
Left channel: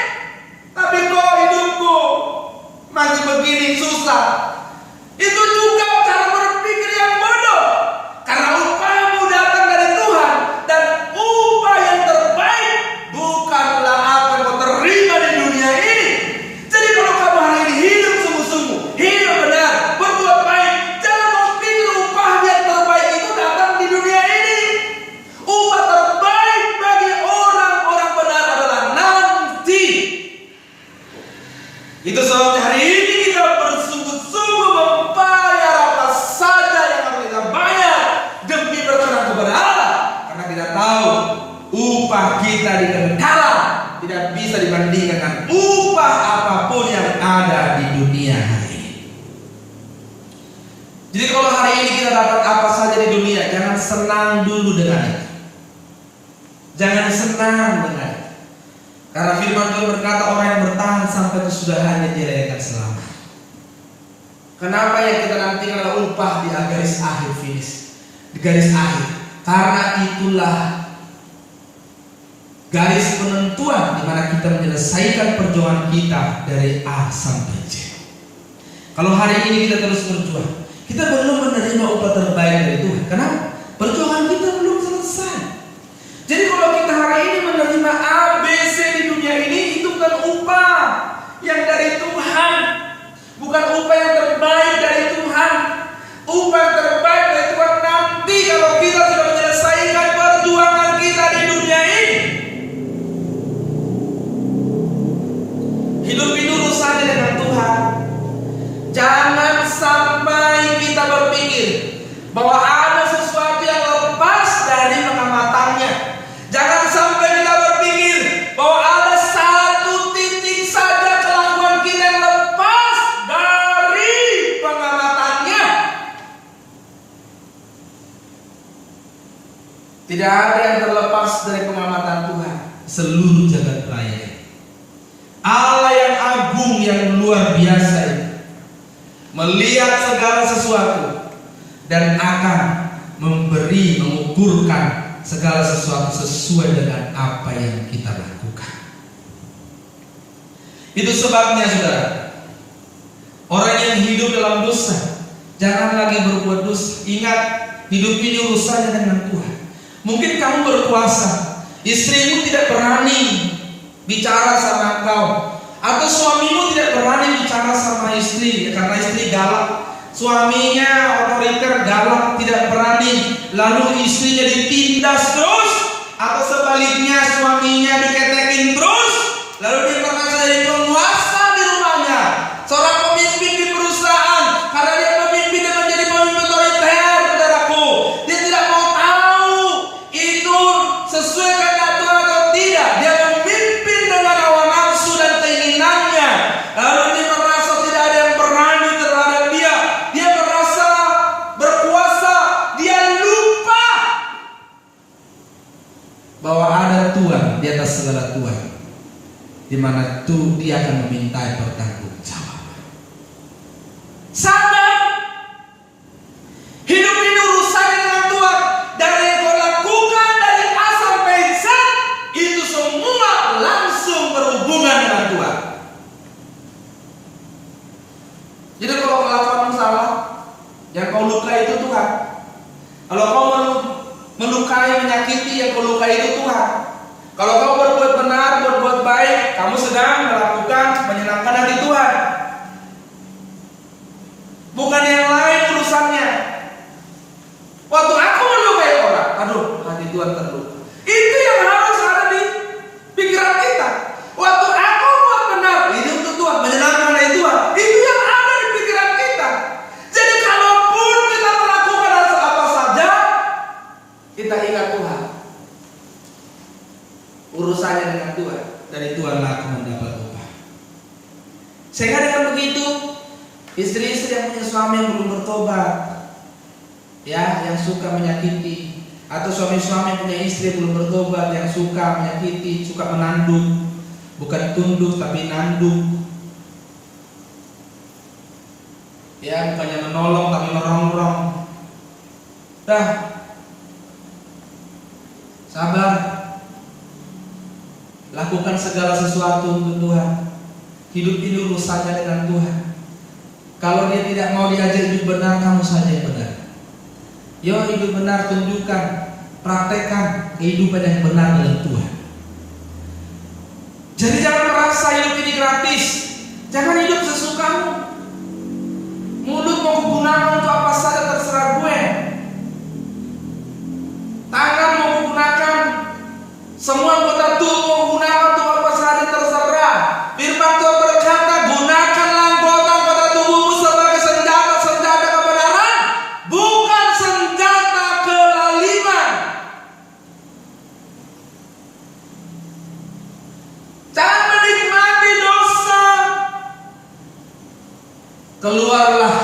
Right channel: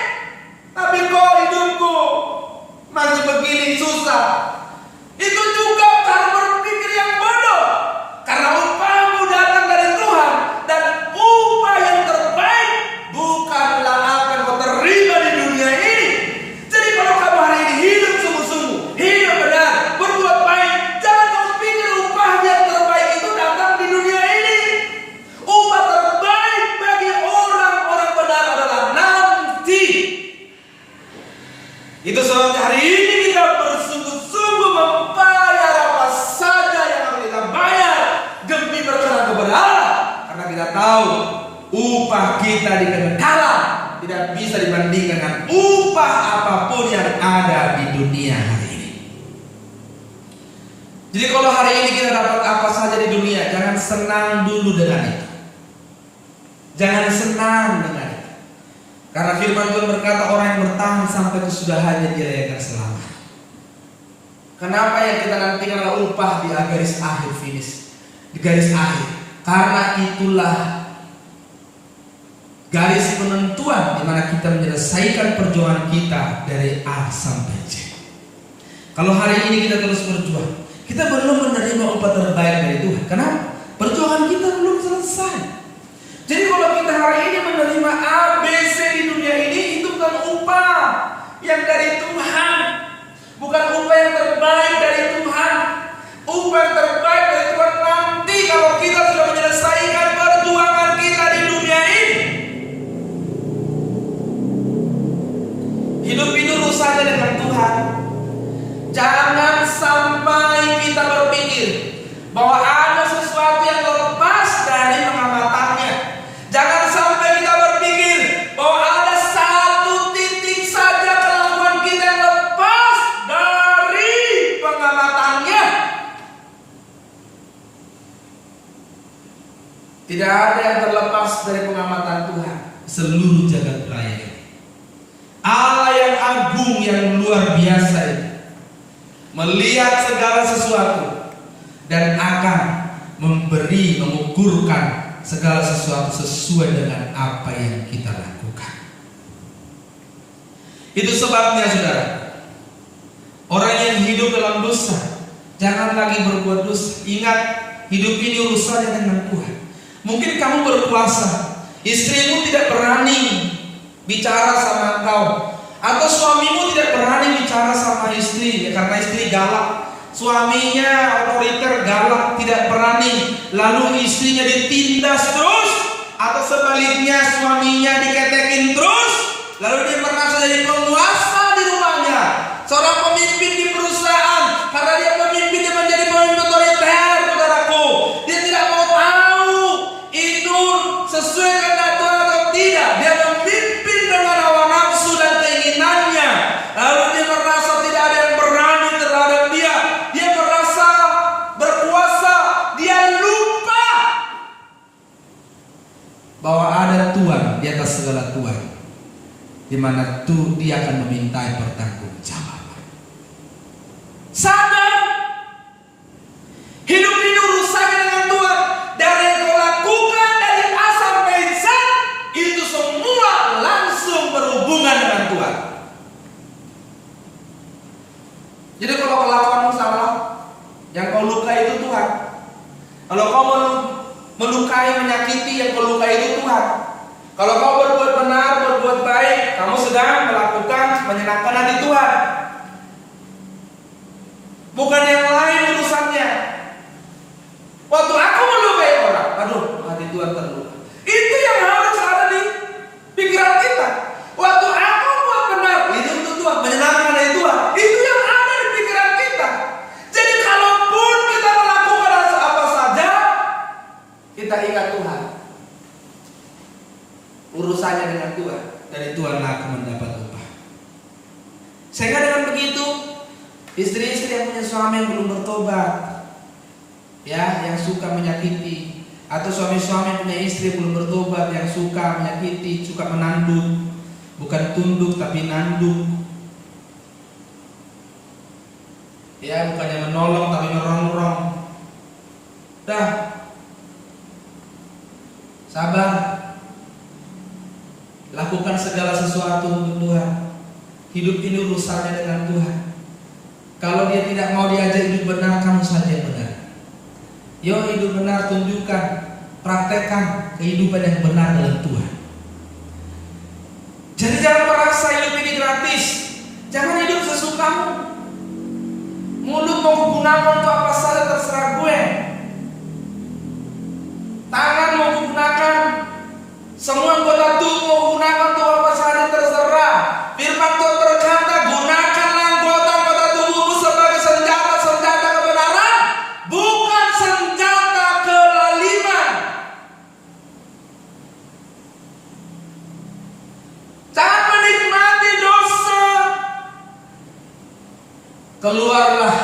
tapi kok hidupku masih begini susah. Itu juga cara berpikir yang bodoh. Karena upahmu datang dari Tuhan, dan upah yang terbaik bukanlah apa yang kau terima di dunia ini. Jadi kalau kamu hari ini hidup sungguh-sungguh, hidup benar, berbuat baik, jangan kau pikir upah yang terbaik itu datang di dunia ini. Upah terbaik bagi orang-orang benar adalah nanti. Itu sebabnya hari ini kita bersungguh-sungguh membayar apa saja yang harus kita bayar demi berkenan kepada Allah. Karena kita tahu upah kita di kekekalan tidak bisa dibandingkan dengan upah apapun yang ada di dunia hari ini. Jadi kalau hari ini kita dapat apa saja di dunia, jangan senang dulu dengan itu. Jangan senang dengan itu. Karena firman Tuhan berkata, orang yang bertahan sampai kesudahannya dia akan selamat. Kenapa yang kita nantikan adalah upah di garis akhir finish, di garis akhir? Karena itulah garis penentuan di mana kita menyelesaikan perjuangan kita dari A sampai Z. Kalau hari ini kita terus berjuang, kita belum menerima upah terbaik dari Tuhan. Kenapa? Perjuangan kita belum selesai. Jadi kalau kita hari ini menerima A, B, C di dunia ini, itu bukan upah yang dari Tuhan, bukan upah yang terbaik dari Tuhan. Upah yang terbaik dari Tuhan nanti kalau kita sudah menyelesaikan perjuangan kita di dunia ini. Hidup itu urusannya dengan Tuhan. Jangan sampai kita berpikir bahwa ada sesuatu yang lepas dari pengamatannya. Jangan sampai kita berpikir bahwa ada satu titik saja kelakuan kita yang lepas dari pengamatannya. Tidak ada yang terlepas dari pengamatan Tuhan. Seluruh jagat raya ini, Allah yang agung, yang luar biasa ini, melihat segala sesuatu dan akan mengukurkan segala sesuatu sesuai dengan apa yang kita lakukan. Itu sebabnya saudara, orang yang hidup dalam dosa jangan lagi berbuat dosa. Ingat, hidup ini urusannya dengan Tuhan. Mungkin kamu berpuasa, istrimu tidak berani bicara sama engkau, atau suamimu tidak berani bicara sama istri karena istri galak. Suaminya otoriter, galak, tidak berani, lalu istrinya ditindas terus, atau sebaliknya suaminya diketekin terus, lalu dia merasa jadi penguasa di rumahnya, seorang pemimpin di perusahaan. Karena dia pemimpin, dia menjadi pemimpin otoriter, saudaraku. Dia tidak mau tahu itu sesuai kehendak Tuhan atau tidak. Dia memimpin dengan hawa nafsu dan keinginannya, lalu dia merasa tidak ada yang berani terhadap dia. Dia merasa berkuasa. Dia lupa bahwa ada Tuhan di atas segala Tuhan, di mana tuh dia akan memintai pertanggungjawaban. Sadar, hidup ini urusannya dengan Tuhan. Dari yang kau lakukan dari A sampai Z, itu semua langsung berhubungan dengan Tuhan. Jadi kalau kelakuanmu salah, yang kau lukai itu Tuhan. Kalau kau melukai, menyakiti, yang kau lukai itu Tuhan. Kalau kau berbuat benar, berbuat baik, kamu sedang melakukan menyenangkan hati Tuhan. Bukan yang lain urusannya. Waktu aku melukai orang, aduh, hati Tuhan terluka. Itu yang harus ada di pikiran kita. Waktu aku buat benar, itu untuk Tuhan, menyenangkan hati Tuhan. Itu yang ada di pikiran kita. Jadi kalaupun kita melakukan apa saja, kita ingat Tuhan. Urusannya dengan Tuhan, dari Tuhan akan mendapat upah. Sehingga dengan begitu, istri-istri yang punya suami yang belum bertobat, ya, yang suka menyakiti, atau suami-suami yang punya istri yang belum bertobat, yang suka menyakiti, suka menanduk, bukan tunduk tapi nanduk, ya, bukannya menolong tapi merongrong. Dah, sabar, lakukan segala sesuatu untuk Tuhan. Hidup ini urusannya dengan Tuhan. Kalau dia tidak mau diajak hidup benar, kamu saja yang benar. Yo, hidup benar, tunjukkan, praktekkan kehidupan yang benar dengan Tuhan. Jadi jangan merasa hidup ini gratis. Jangan hidup sesukamu. Mulut mau kugunakan untuk apa saja terserah gue. Tangan mau kugunakan, semua anggota tubuh mau gunakan untuk apa saja terserah. Firman Tuhan berkata, gunakanlah anggota tubuhmu sebagai senjata kebenaran, bukan senjata kelaliman. Jangan menikmati dosa. Keluarlah.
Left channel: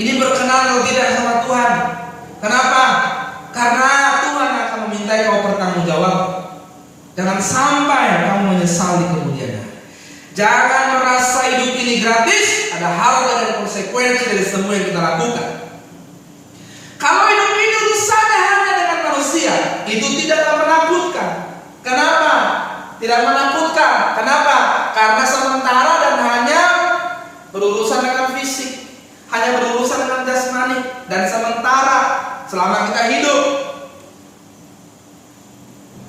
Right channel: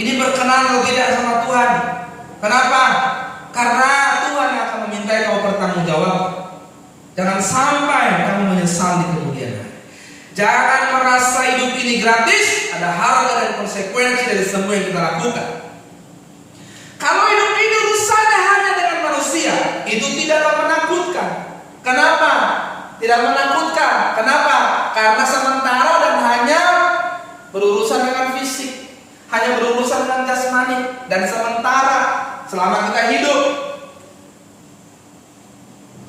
Ini berkenan atau tidak sama Tuhan. Kenapa? Karena Tuhan akan memintai kau bertanggung jawab. Jangan sampai kamu menyesal di kemudian hari. Jangan merasa hidup ini gratis, ada harga dan konsekuensi dari semua yang kita lakukan. Kalau hidup ini urusannya hanya dengan manusia, itu tidaklah menakutkan. Kenapa? Tidak menakutkan. Kenapa? Karena sementara dan hanya berurusan dengan fisik, hanya berurusan dengan jasmani dan sementara selama kita hidup.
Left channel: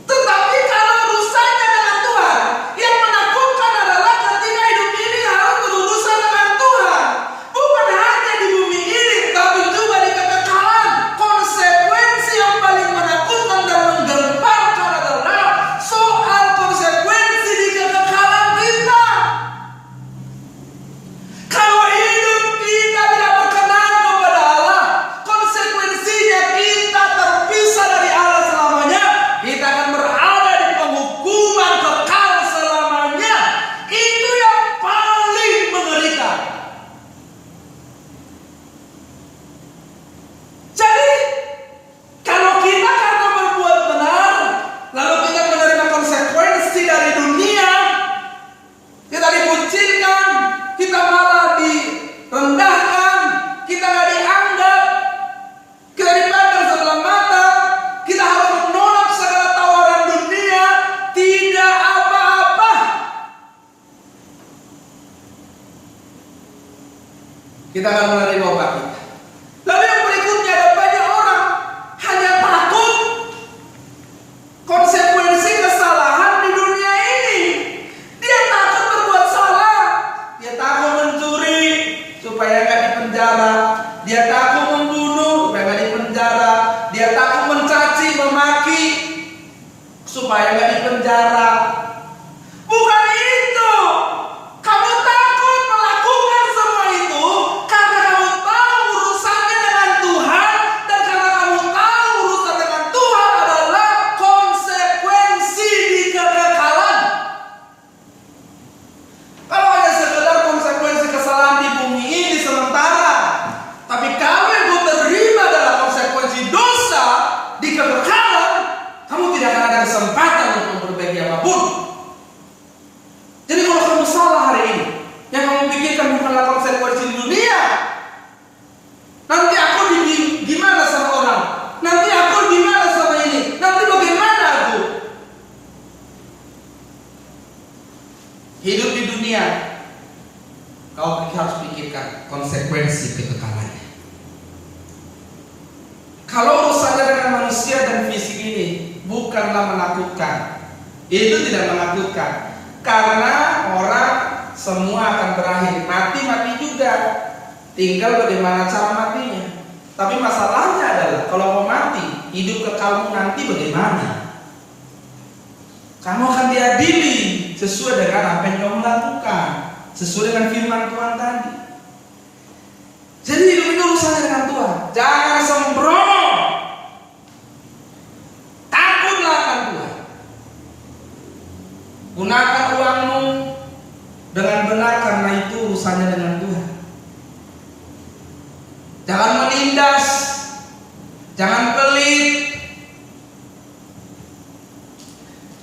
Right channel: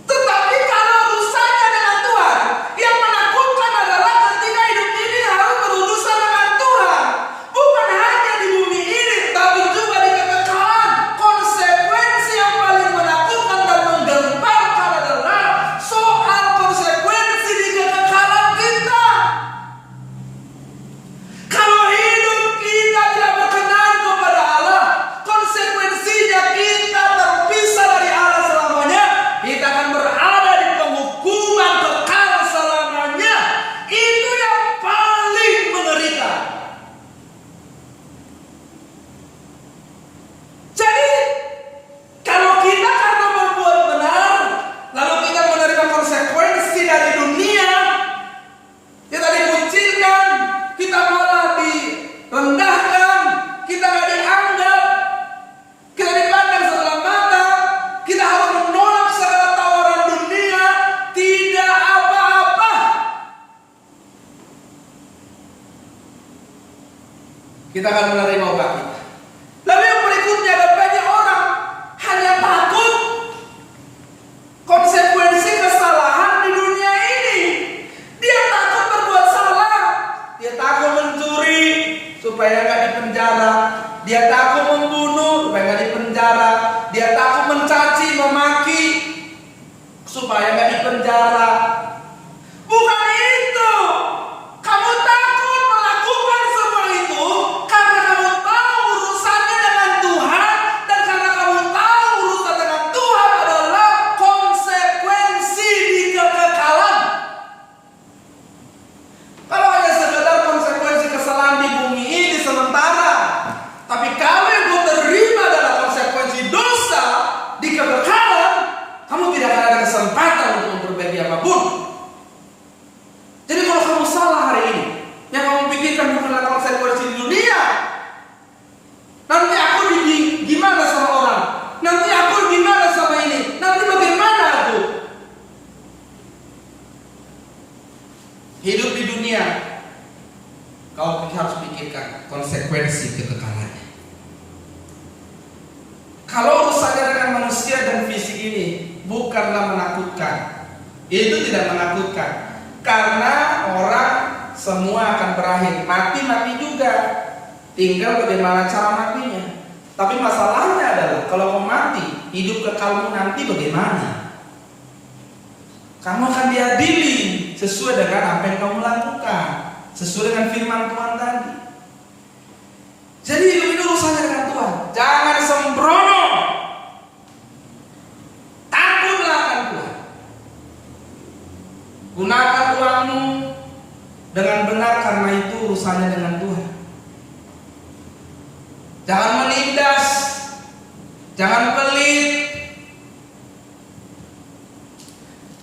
Tetapi kalau urusannya dengan Tuhan, yang menakutkan adalah ketika hidup ini harus berurusan dengan Tuhan, bukan hanya di bumi ini, tapi juga di kekekalan. Konsekuensi yang paling menakutkan dan menggemparkan adalah soal konsekuensi di kekekalan kita. Kalau hidup kita tidak berkenan kepada Allah, konsekuensinya kita terpisah dari Allah selamanya. Kita akan berada di penghukuman kekal selamanya. Itu yang paling mengerikan. Jadi, kalau kita karena berbuat benar, lalu kita menerima konsekuensi dari dunia, kita dikucilkan, kita malah direndahkan, kita gak dianggap, kita dipandang sebelah mata, kita harus menolak segala tawaran dunia, tidak apa-apa. Kita akan menerima obat kita. Lalu yang berikutnya, ada banyak orang hanya takut konsekuensi kesalahan di dunia ini. Dia takut berbuat salah, dia takut mencuri supaya nggak dipenjara, dia takut membunuh supaya nggak dipenjara, dia takut mencaci, memaki supaya nggak dipenjara. Bukan itu. Kamu takut melakukan semua itu karena kamu tahu urusannya dengan Tuhan, dan karena kamu tahu urusan dengan Tuhan adalah konsekuensi di kekekalan. Kalau hanya sekedar konsekuensi kesalahan di bumi ini sementara, tapi kalau yang kau terima adalah konsekuensi dosa di kekekalan, kamu tidak akan ada kesempatan untuk memperbaiki apapun. Jadi kalau kamu salah hari ini, yang kamu pikirkan bukanlah konsekuensi di dunia. Nanti aku gimana sama orang? Nanti aku gimana sama ini? Nanti bagaimana aku? Hidup di dunia, kau harus pikirkan konsekuensi kekekalannya. Kalau urusannya dengan manusia dan fisik ini bukanlah menakutkan. Itu tidak menakutkan. Karena orang semua akan berakhir. Mati juga. Tinggal bagaimana cara matinya. Tapi masalahnya adalah kalau kau mati, hidup kekalmu nanti bagaimana? Kamu akan diadili sesuai dengan apa yang kamu lakukan, sesuai dengan firman Tuhan tadi. Jadi hidup ini urusannya dengan Tuhan. Jangan sembrono. Takutlah akan Tuhan. Gunakan uangmu dengan benar karena itu urusannya dengan Tuhan. Jangan menindas, jangan pelit.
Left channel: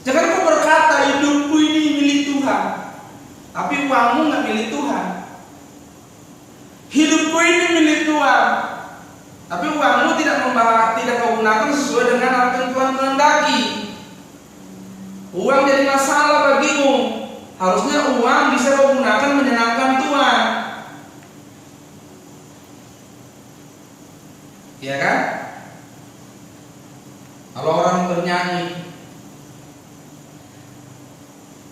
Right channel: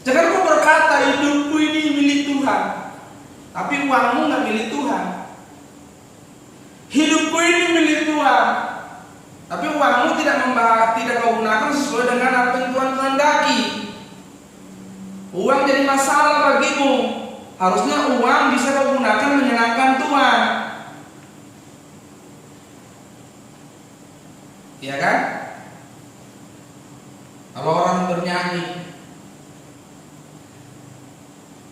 Jangan kau berkata hidupku ini milik Tuhan, tapi uangmu nggak milik Tuhan. Hidupku ini milik Tuhan, tapi uangmu tidak kau gunakan sesuai dengan apa yang Tuhan kehendaki. Uang jadi masalah bagimu. Harusnya uang bisa kau gunakan menyenangkan Tuhan. Iya kan? Kalau orang bernyanyi,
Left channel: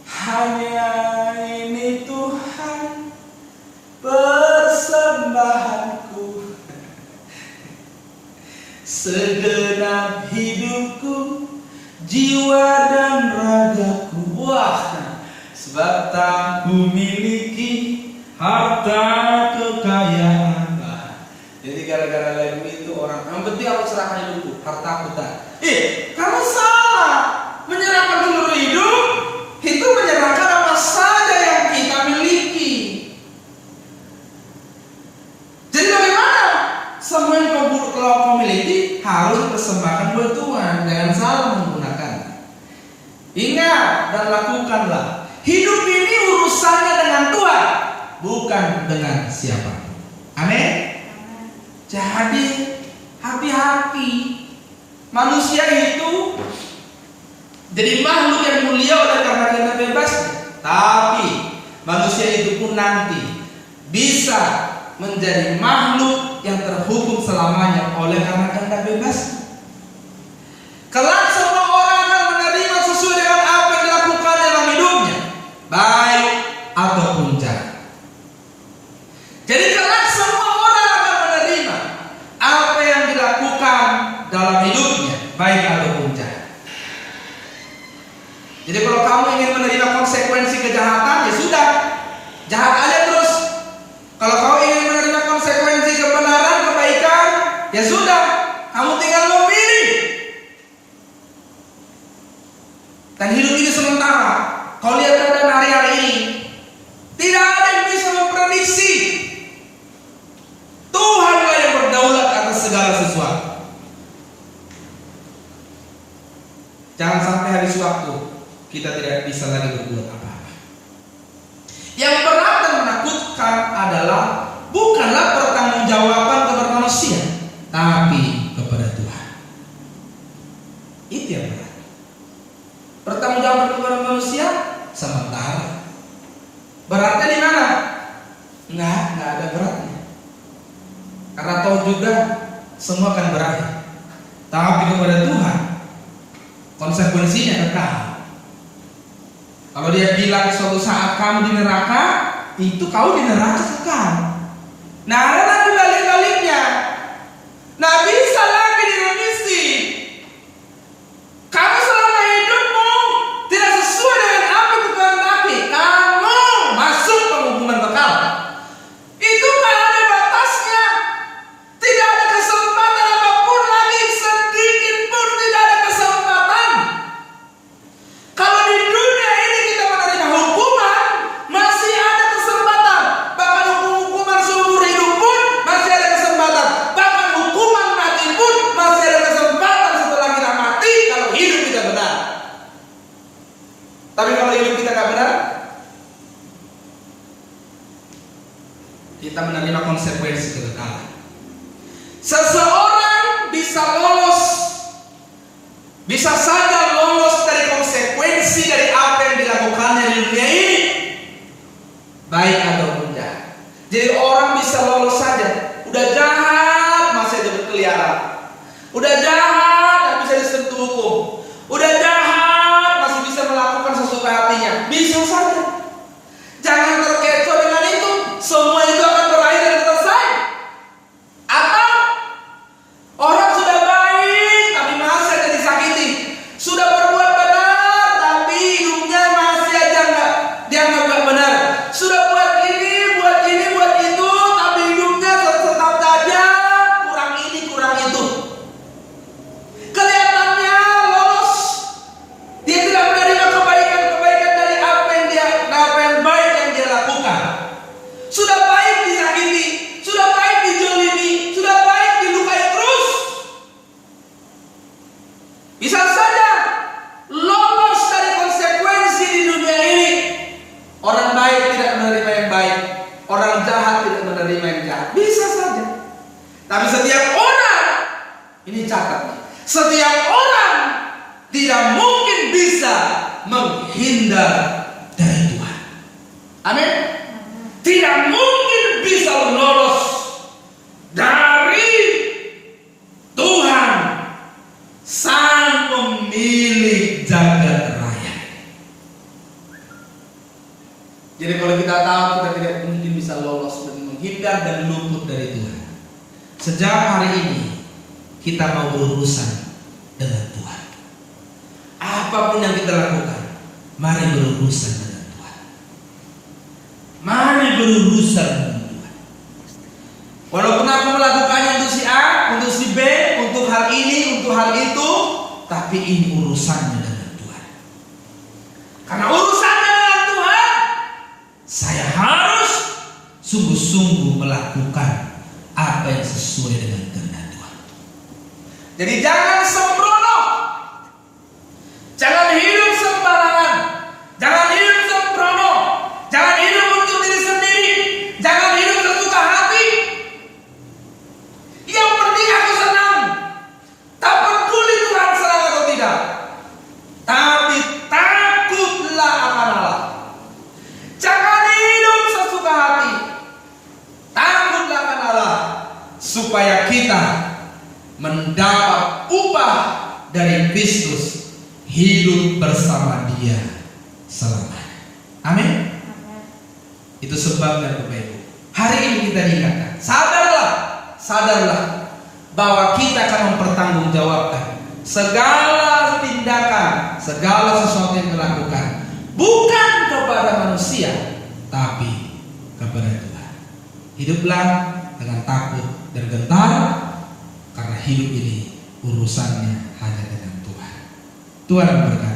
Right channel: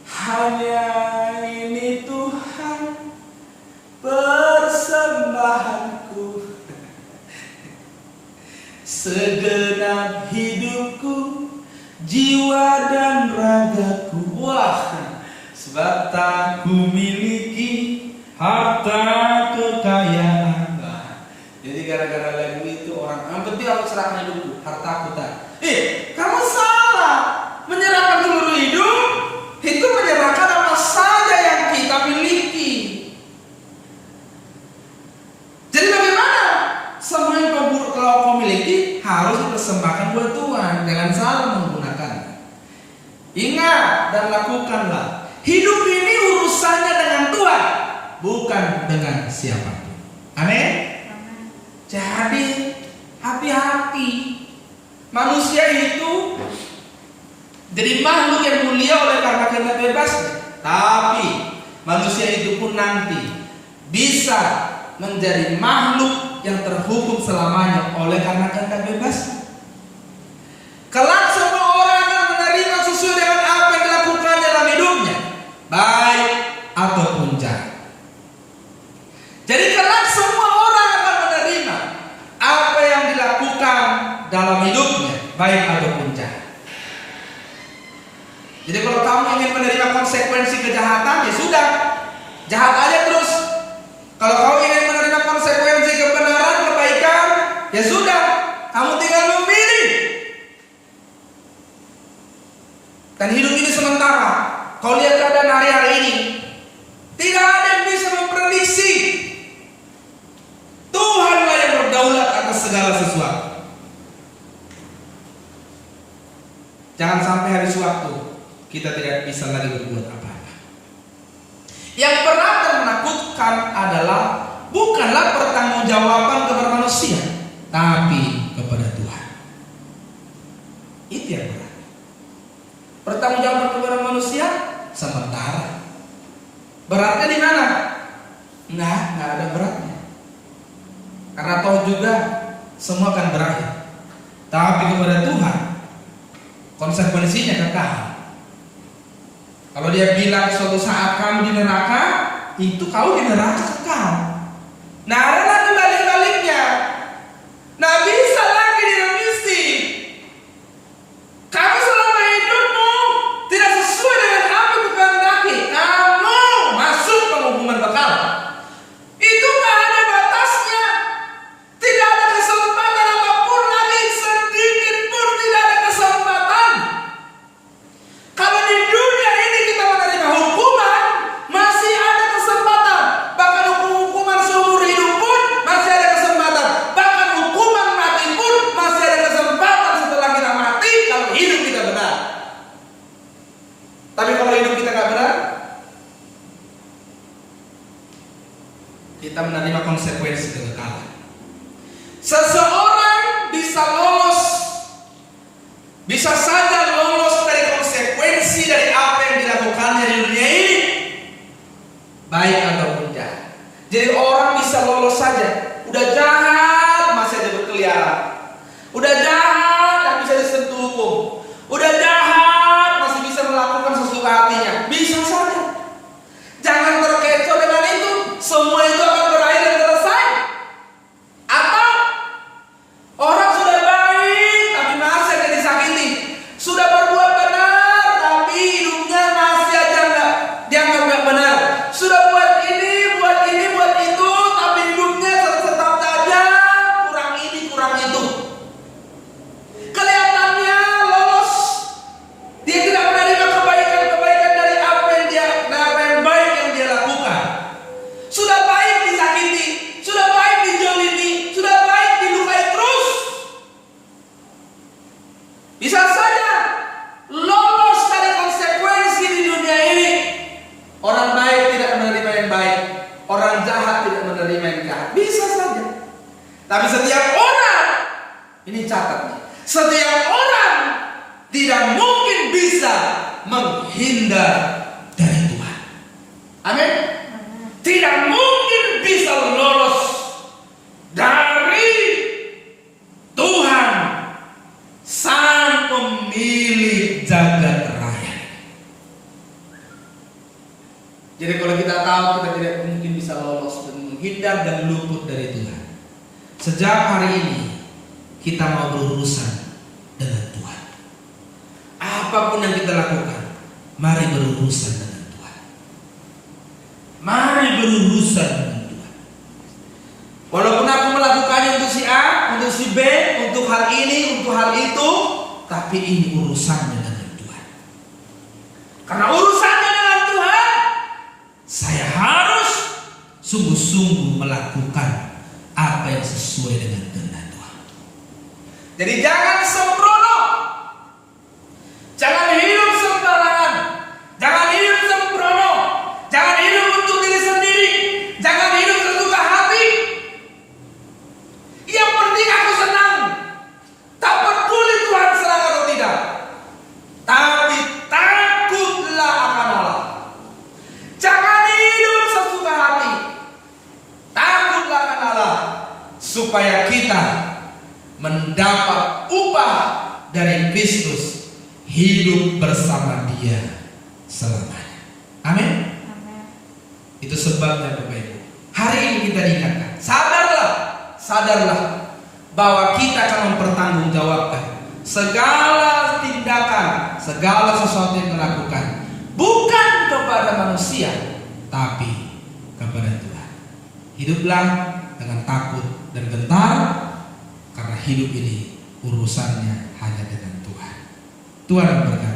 hanya ini Tuhan persembahanku, segenap hidupku, jiwa dan ragaku. Wah, sebab tak ku miliki harta kekayaan. Jadi gara-gara lagu itu orang, yang penting aku serahkan hidupku, hartaku tak. Kamu salah. Menyerahkan seluruh hidup itu menyerahkan apa saja yang kita miliki. Jadi bagaimana? Semua yang kau miliki harus dipersembahkan buat Tuhan. Jangan salah menggunakan. Ingat dan lakukanlah. Hidup ini urusannya dengan Tuhan, bukan dengan siapa. Amin. Jadi hati-hati. Manusia itu jadi makhluk yang mulia oleh karena kehendak bebas, tapi manusia itu pun nanti bisa menjadi makhluk yang terhukum selamanya oleh karena kehendak bebas. Kelak semua orang akan menerima sesuai dengan apa yang dilakukan dalam hidupnya, baik ataupun jahat. Jadi kelak semua orang akan menerima apa yang dilakukan dalam hidupnya, baik ataupun jahat. Jadi kalau kamu ingin menerima konsekuensi kejahatan, ya sudah, jahat aja terus. Kalau kamu ingin menerima konsekuensi kebenaran, kebaikan, ya sudah, kamu tinggal memilih. Dan hidup ini sementara. Kau lihat keadaan hari-hari ini, tidak ada yang bisa memprediksi. Tuhanlah yang berdaulat atas segala sesuatu. Jangan sampai habis waktu kita tidak bisa lagi berbuat apa-apa. Yang berat dan menakutkan adalah bukanlah pertanggungjawaban kepada manusia, tapi kepada Tuhan. Itu yang berat. Pertanggungjawaban kepada manusia sementara. Beratnya di mana? Nggak ada beratnya. Karena tahu juga semua akan berakhir. Tapi kepada Tuhan konsekuensinya kekal. Kalau dia bilang suatu saat kamu di neraka, itu kau di neraka kekal. Nah, ada lagi balik-baliknya. Nah, bisa lagi diremisi. Kamu selama hidupmu tidak sesuai dengan apa yang dikehendaki, kamu masuk penghukuman kekal. Itu tak ada batasnya. Tidak ada kesempatan apapun lagi, sedikit pun tidak ada kesempatan. Kalau di dunia ini kita menerima hukuman, masih ada kesempatan. Bahkan hukuman seumur hidup pun masih ada kesempatan. Bahkan hukuman mati pun masih ada kesempatan setelah kita mati, kalau hidup kita benar. Tapi kalau hidup kita nggak benar, kita menerima konsekuensi kekekalan. Seseorang bisa saja lolos dari konsekuensi dari apa yang dilakukannya di dunia ini, baik ataupun jahat. Jadi orang bisa lolos saja, udah jahat masih ada berkeliaran, udah jahat dan bisa disentuh hukum, udah jahat masih bisa melakukan sesuka hatinya, bisa saja. Jangan terkecoh dengan itu, semua itu akan berakhir dan selesai. Atau orang sudah baik tapi masih ada disakiti, sudah berbuat benar tapi hidupnya masih aja dianggap nggak benar, sudah buat ini, buat itu, tapi hidupnya tetap saja kurang ini, kurang itu. Kelihatannya lolos, dia tidak menerima kebaikan dari apa yang baik yang dia lakukan. Sudah baik disakiti, sudah baik dijolimi, sudah baik dilukai terus. Bisa saja lolos dari konsekuensi di dunia ini. Orang baik tidak menerima yang baik, orang jahat tidak menerima yang jahat. Bisa saja. Tapi setiap orang, ini catat nih, setiap orang tidak mungkin bisa menghindar dari Tuhan. Amin. Tidak mungkin bisa lolos dari Tuhan, Sang Pemilik jagat raya. Jadi kalau kita tahu kita tidak mungkin bisa lolos dan menghindar dan luput dari Tuhan, sejak hari ini kita mau berurusan dengan Tuhan. Apapun yang kita lakukan, mari berurusan dengan Tuhan. Mari berurusan dengan Tuhan. Walaupun aku melakukannya untuk si A, untuk si B, untuk hal ini, untuk hal itu, tapi ini urusannya dengan Tuhan. Karena urusannya dengan Tuhan, saya harus sungguh-sungguh melakukan apa yang sesuai dengan kehendak Tuhan. Jadi jangan sembrono, jangan hidup sembarangan, jangan hidup sembrono, jangan hidup untuk diri sendiri, supaya kita mendapat upah dari Kristus, hidup bersama Dia selamanya. Amin. Itu sebabnya Bapak Ibu, hari ini kita diingatkan, sadarlah bahwa kita akan mempertanggungjawabkan segala tindakan, segala sesuatu yang kita lakukan, bukan kepada manusia, tapi kepada Tuhan. Hiduplah dengan takut dan gentar, karena hidup ini urusannya hanya dengan Tuhan. Tuhan memberkati.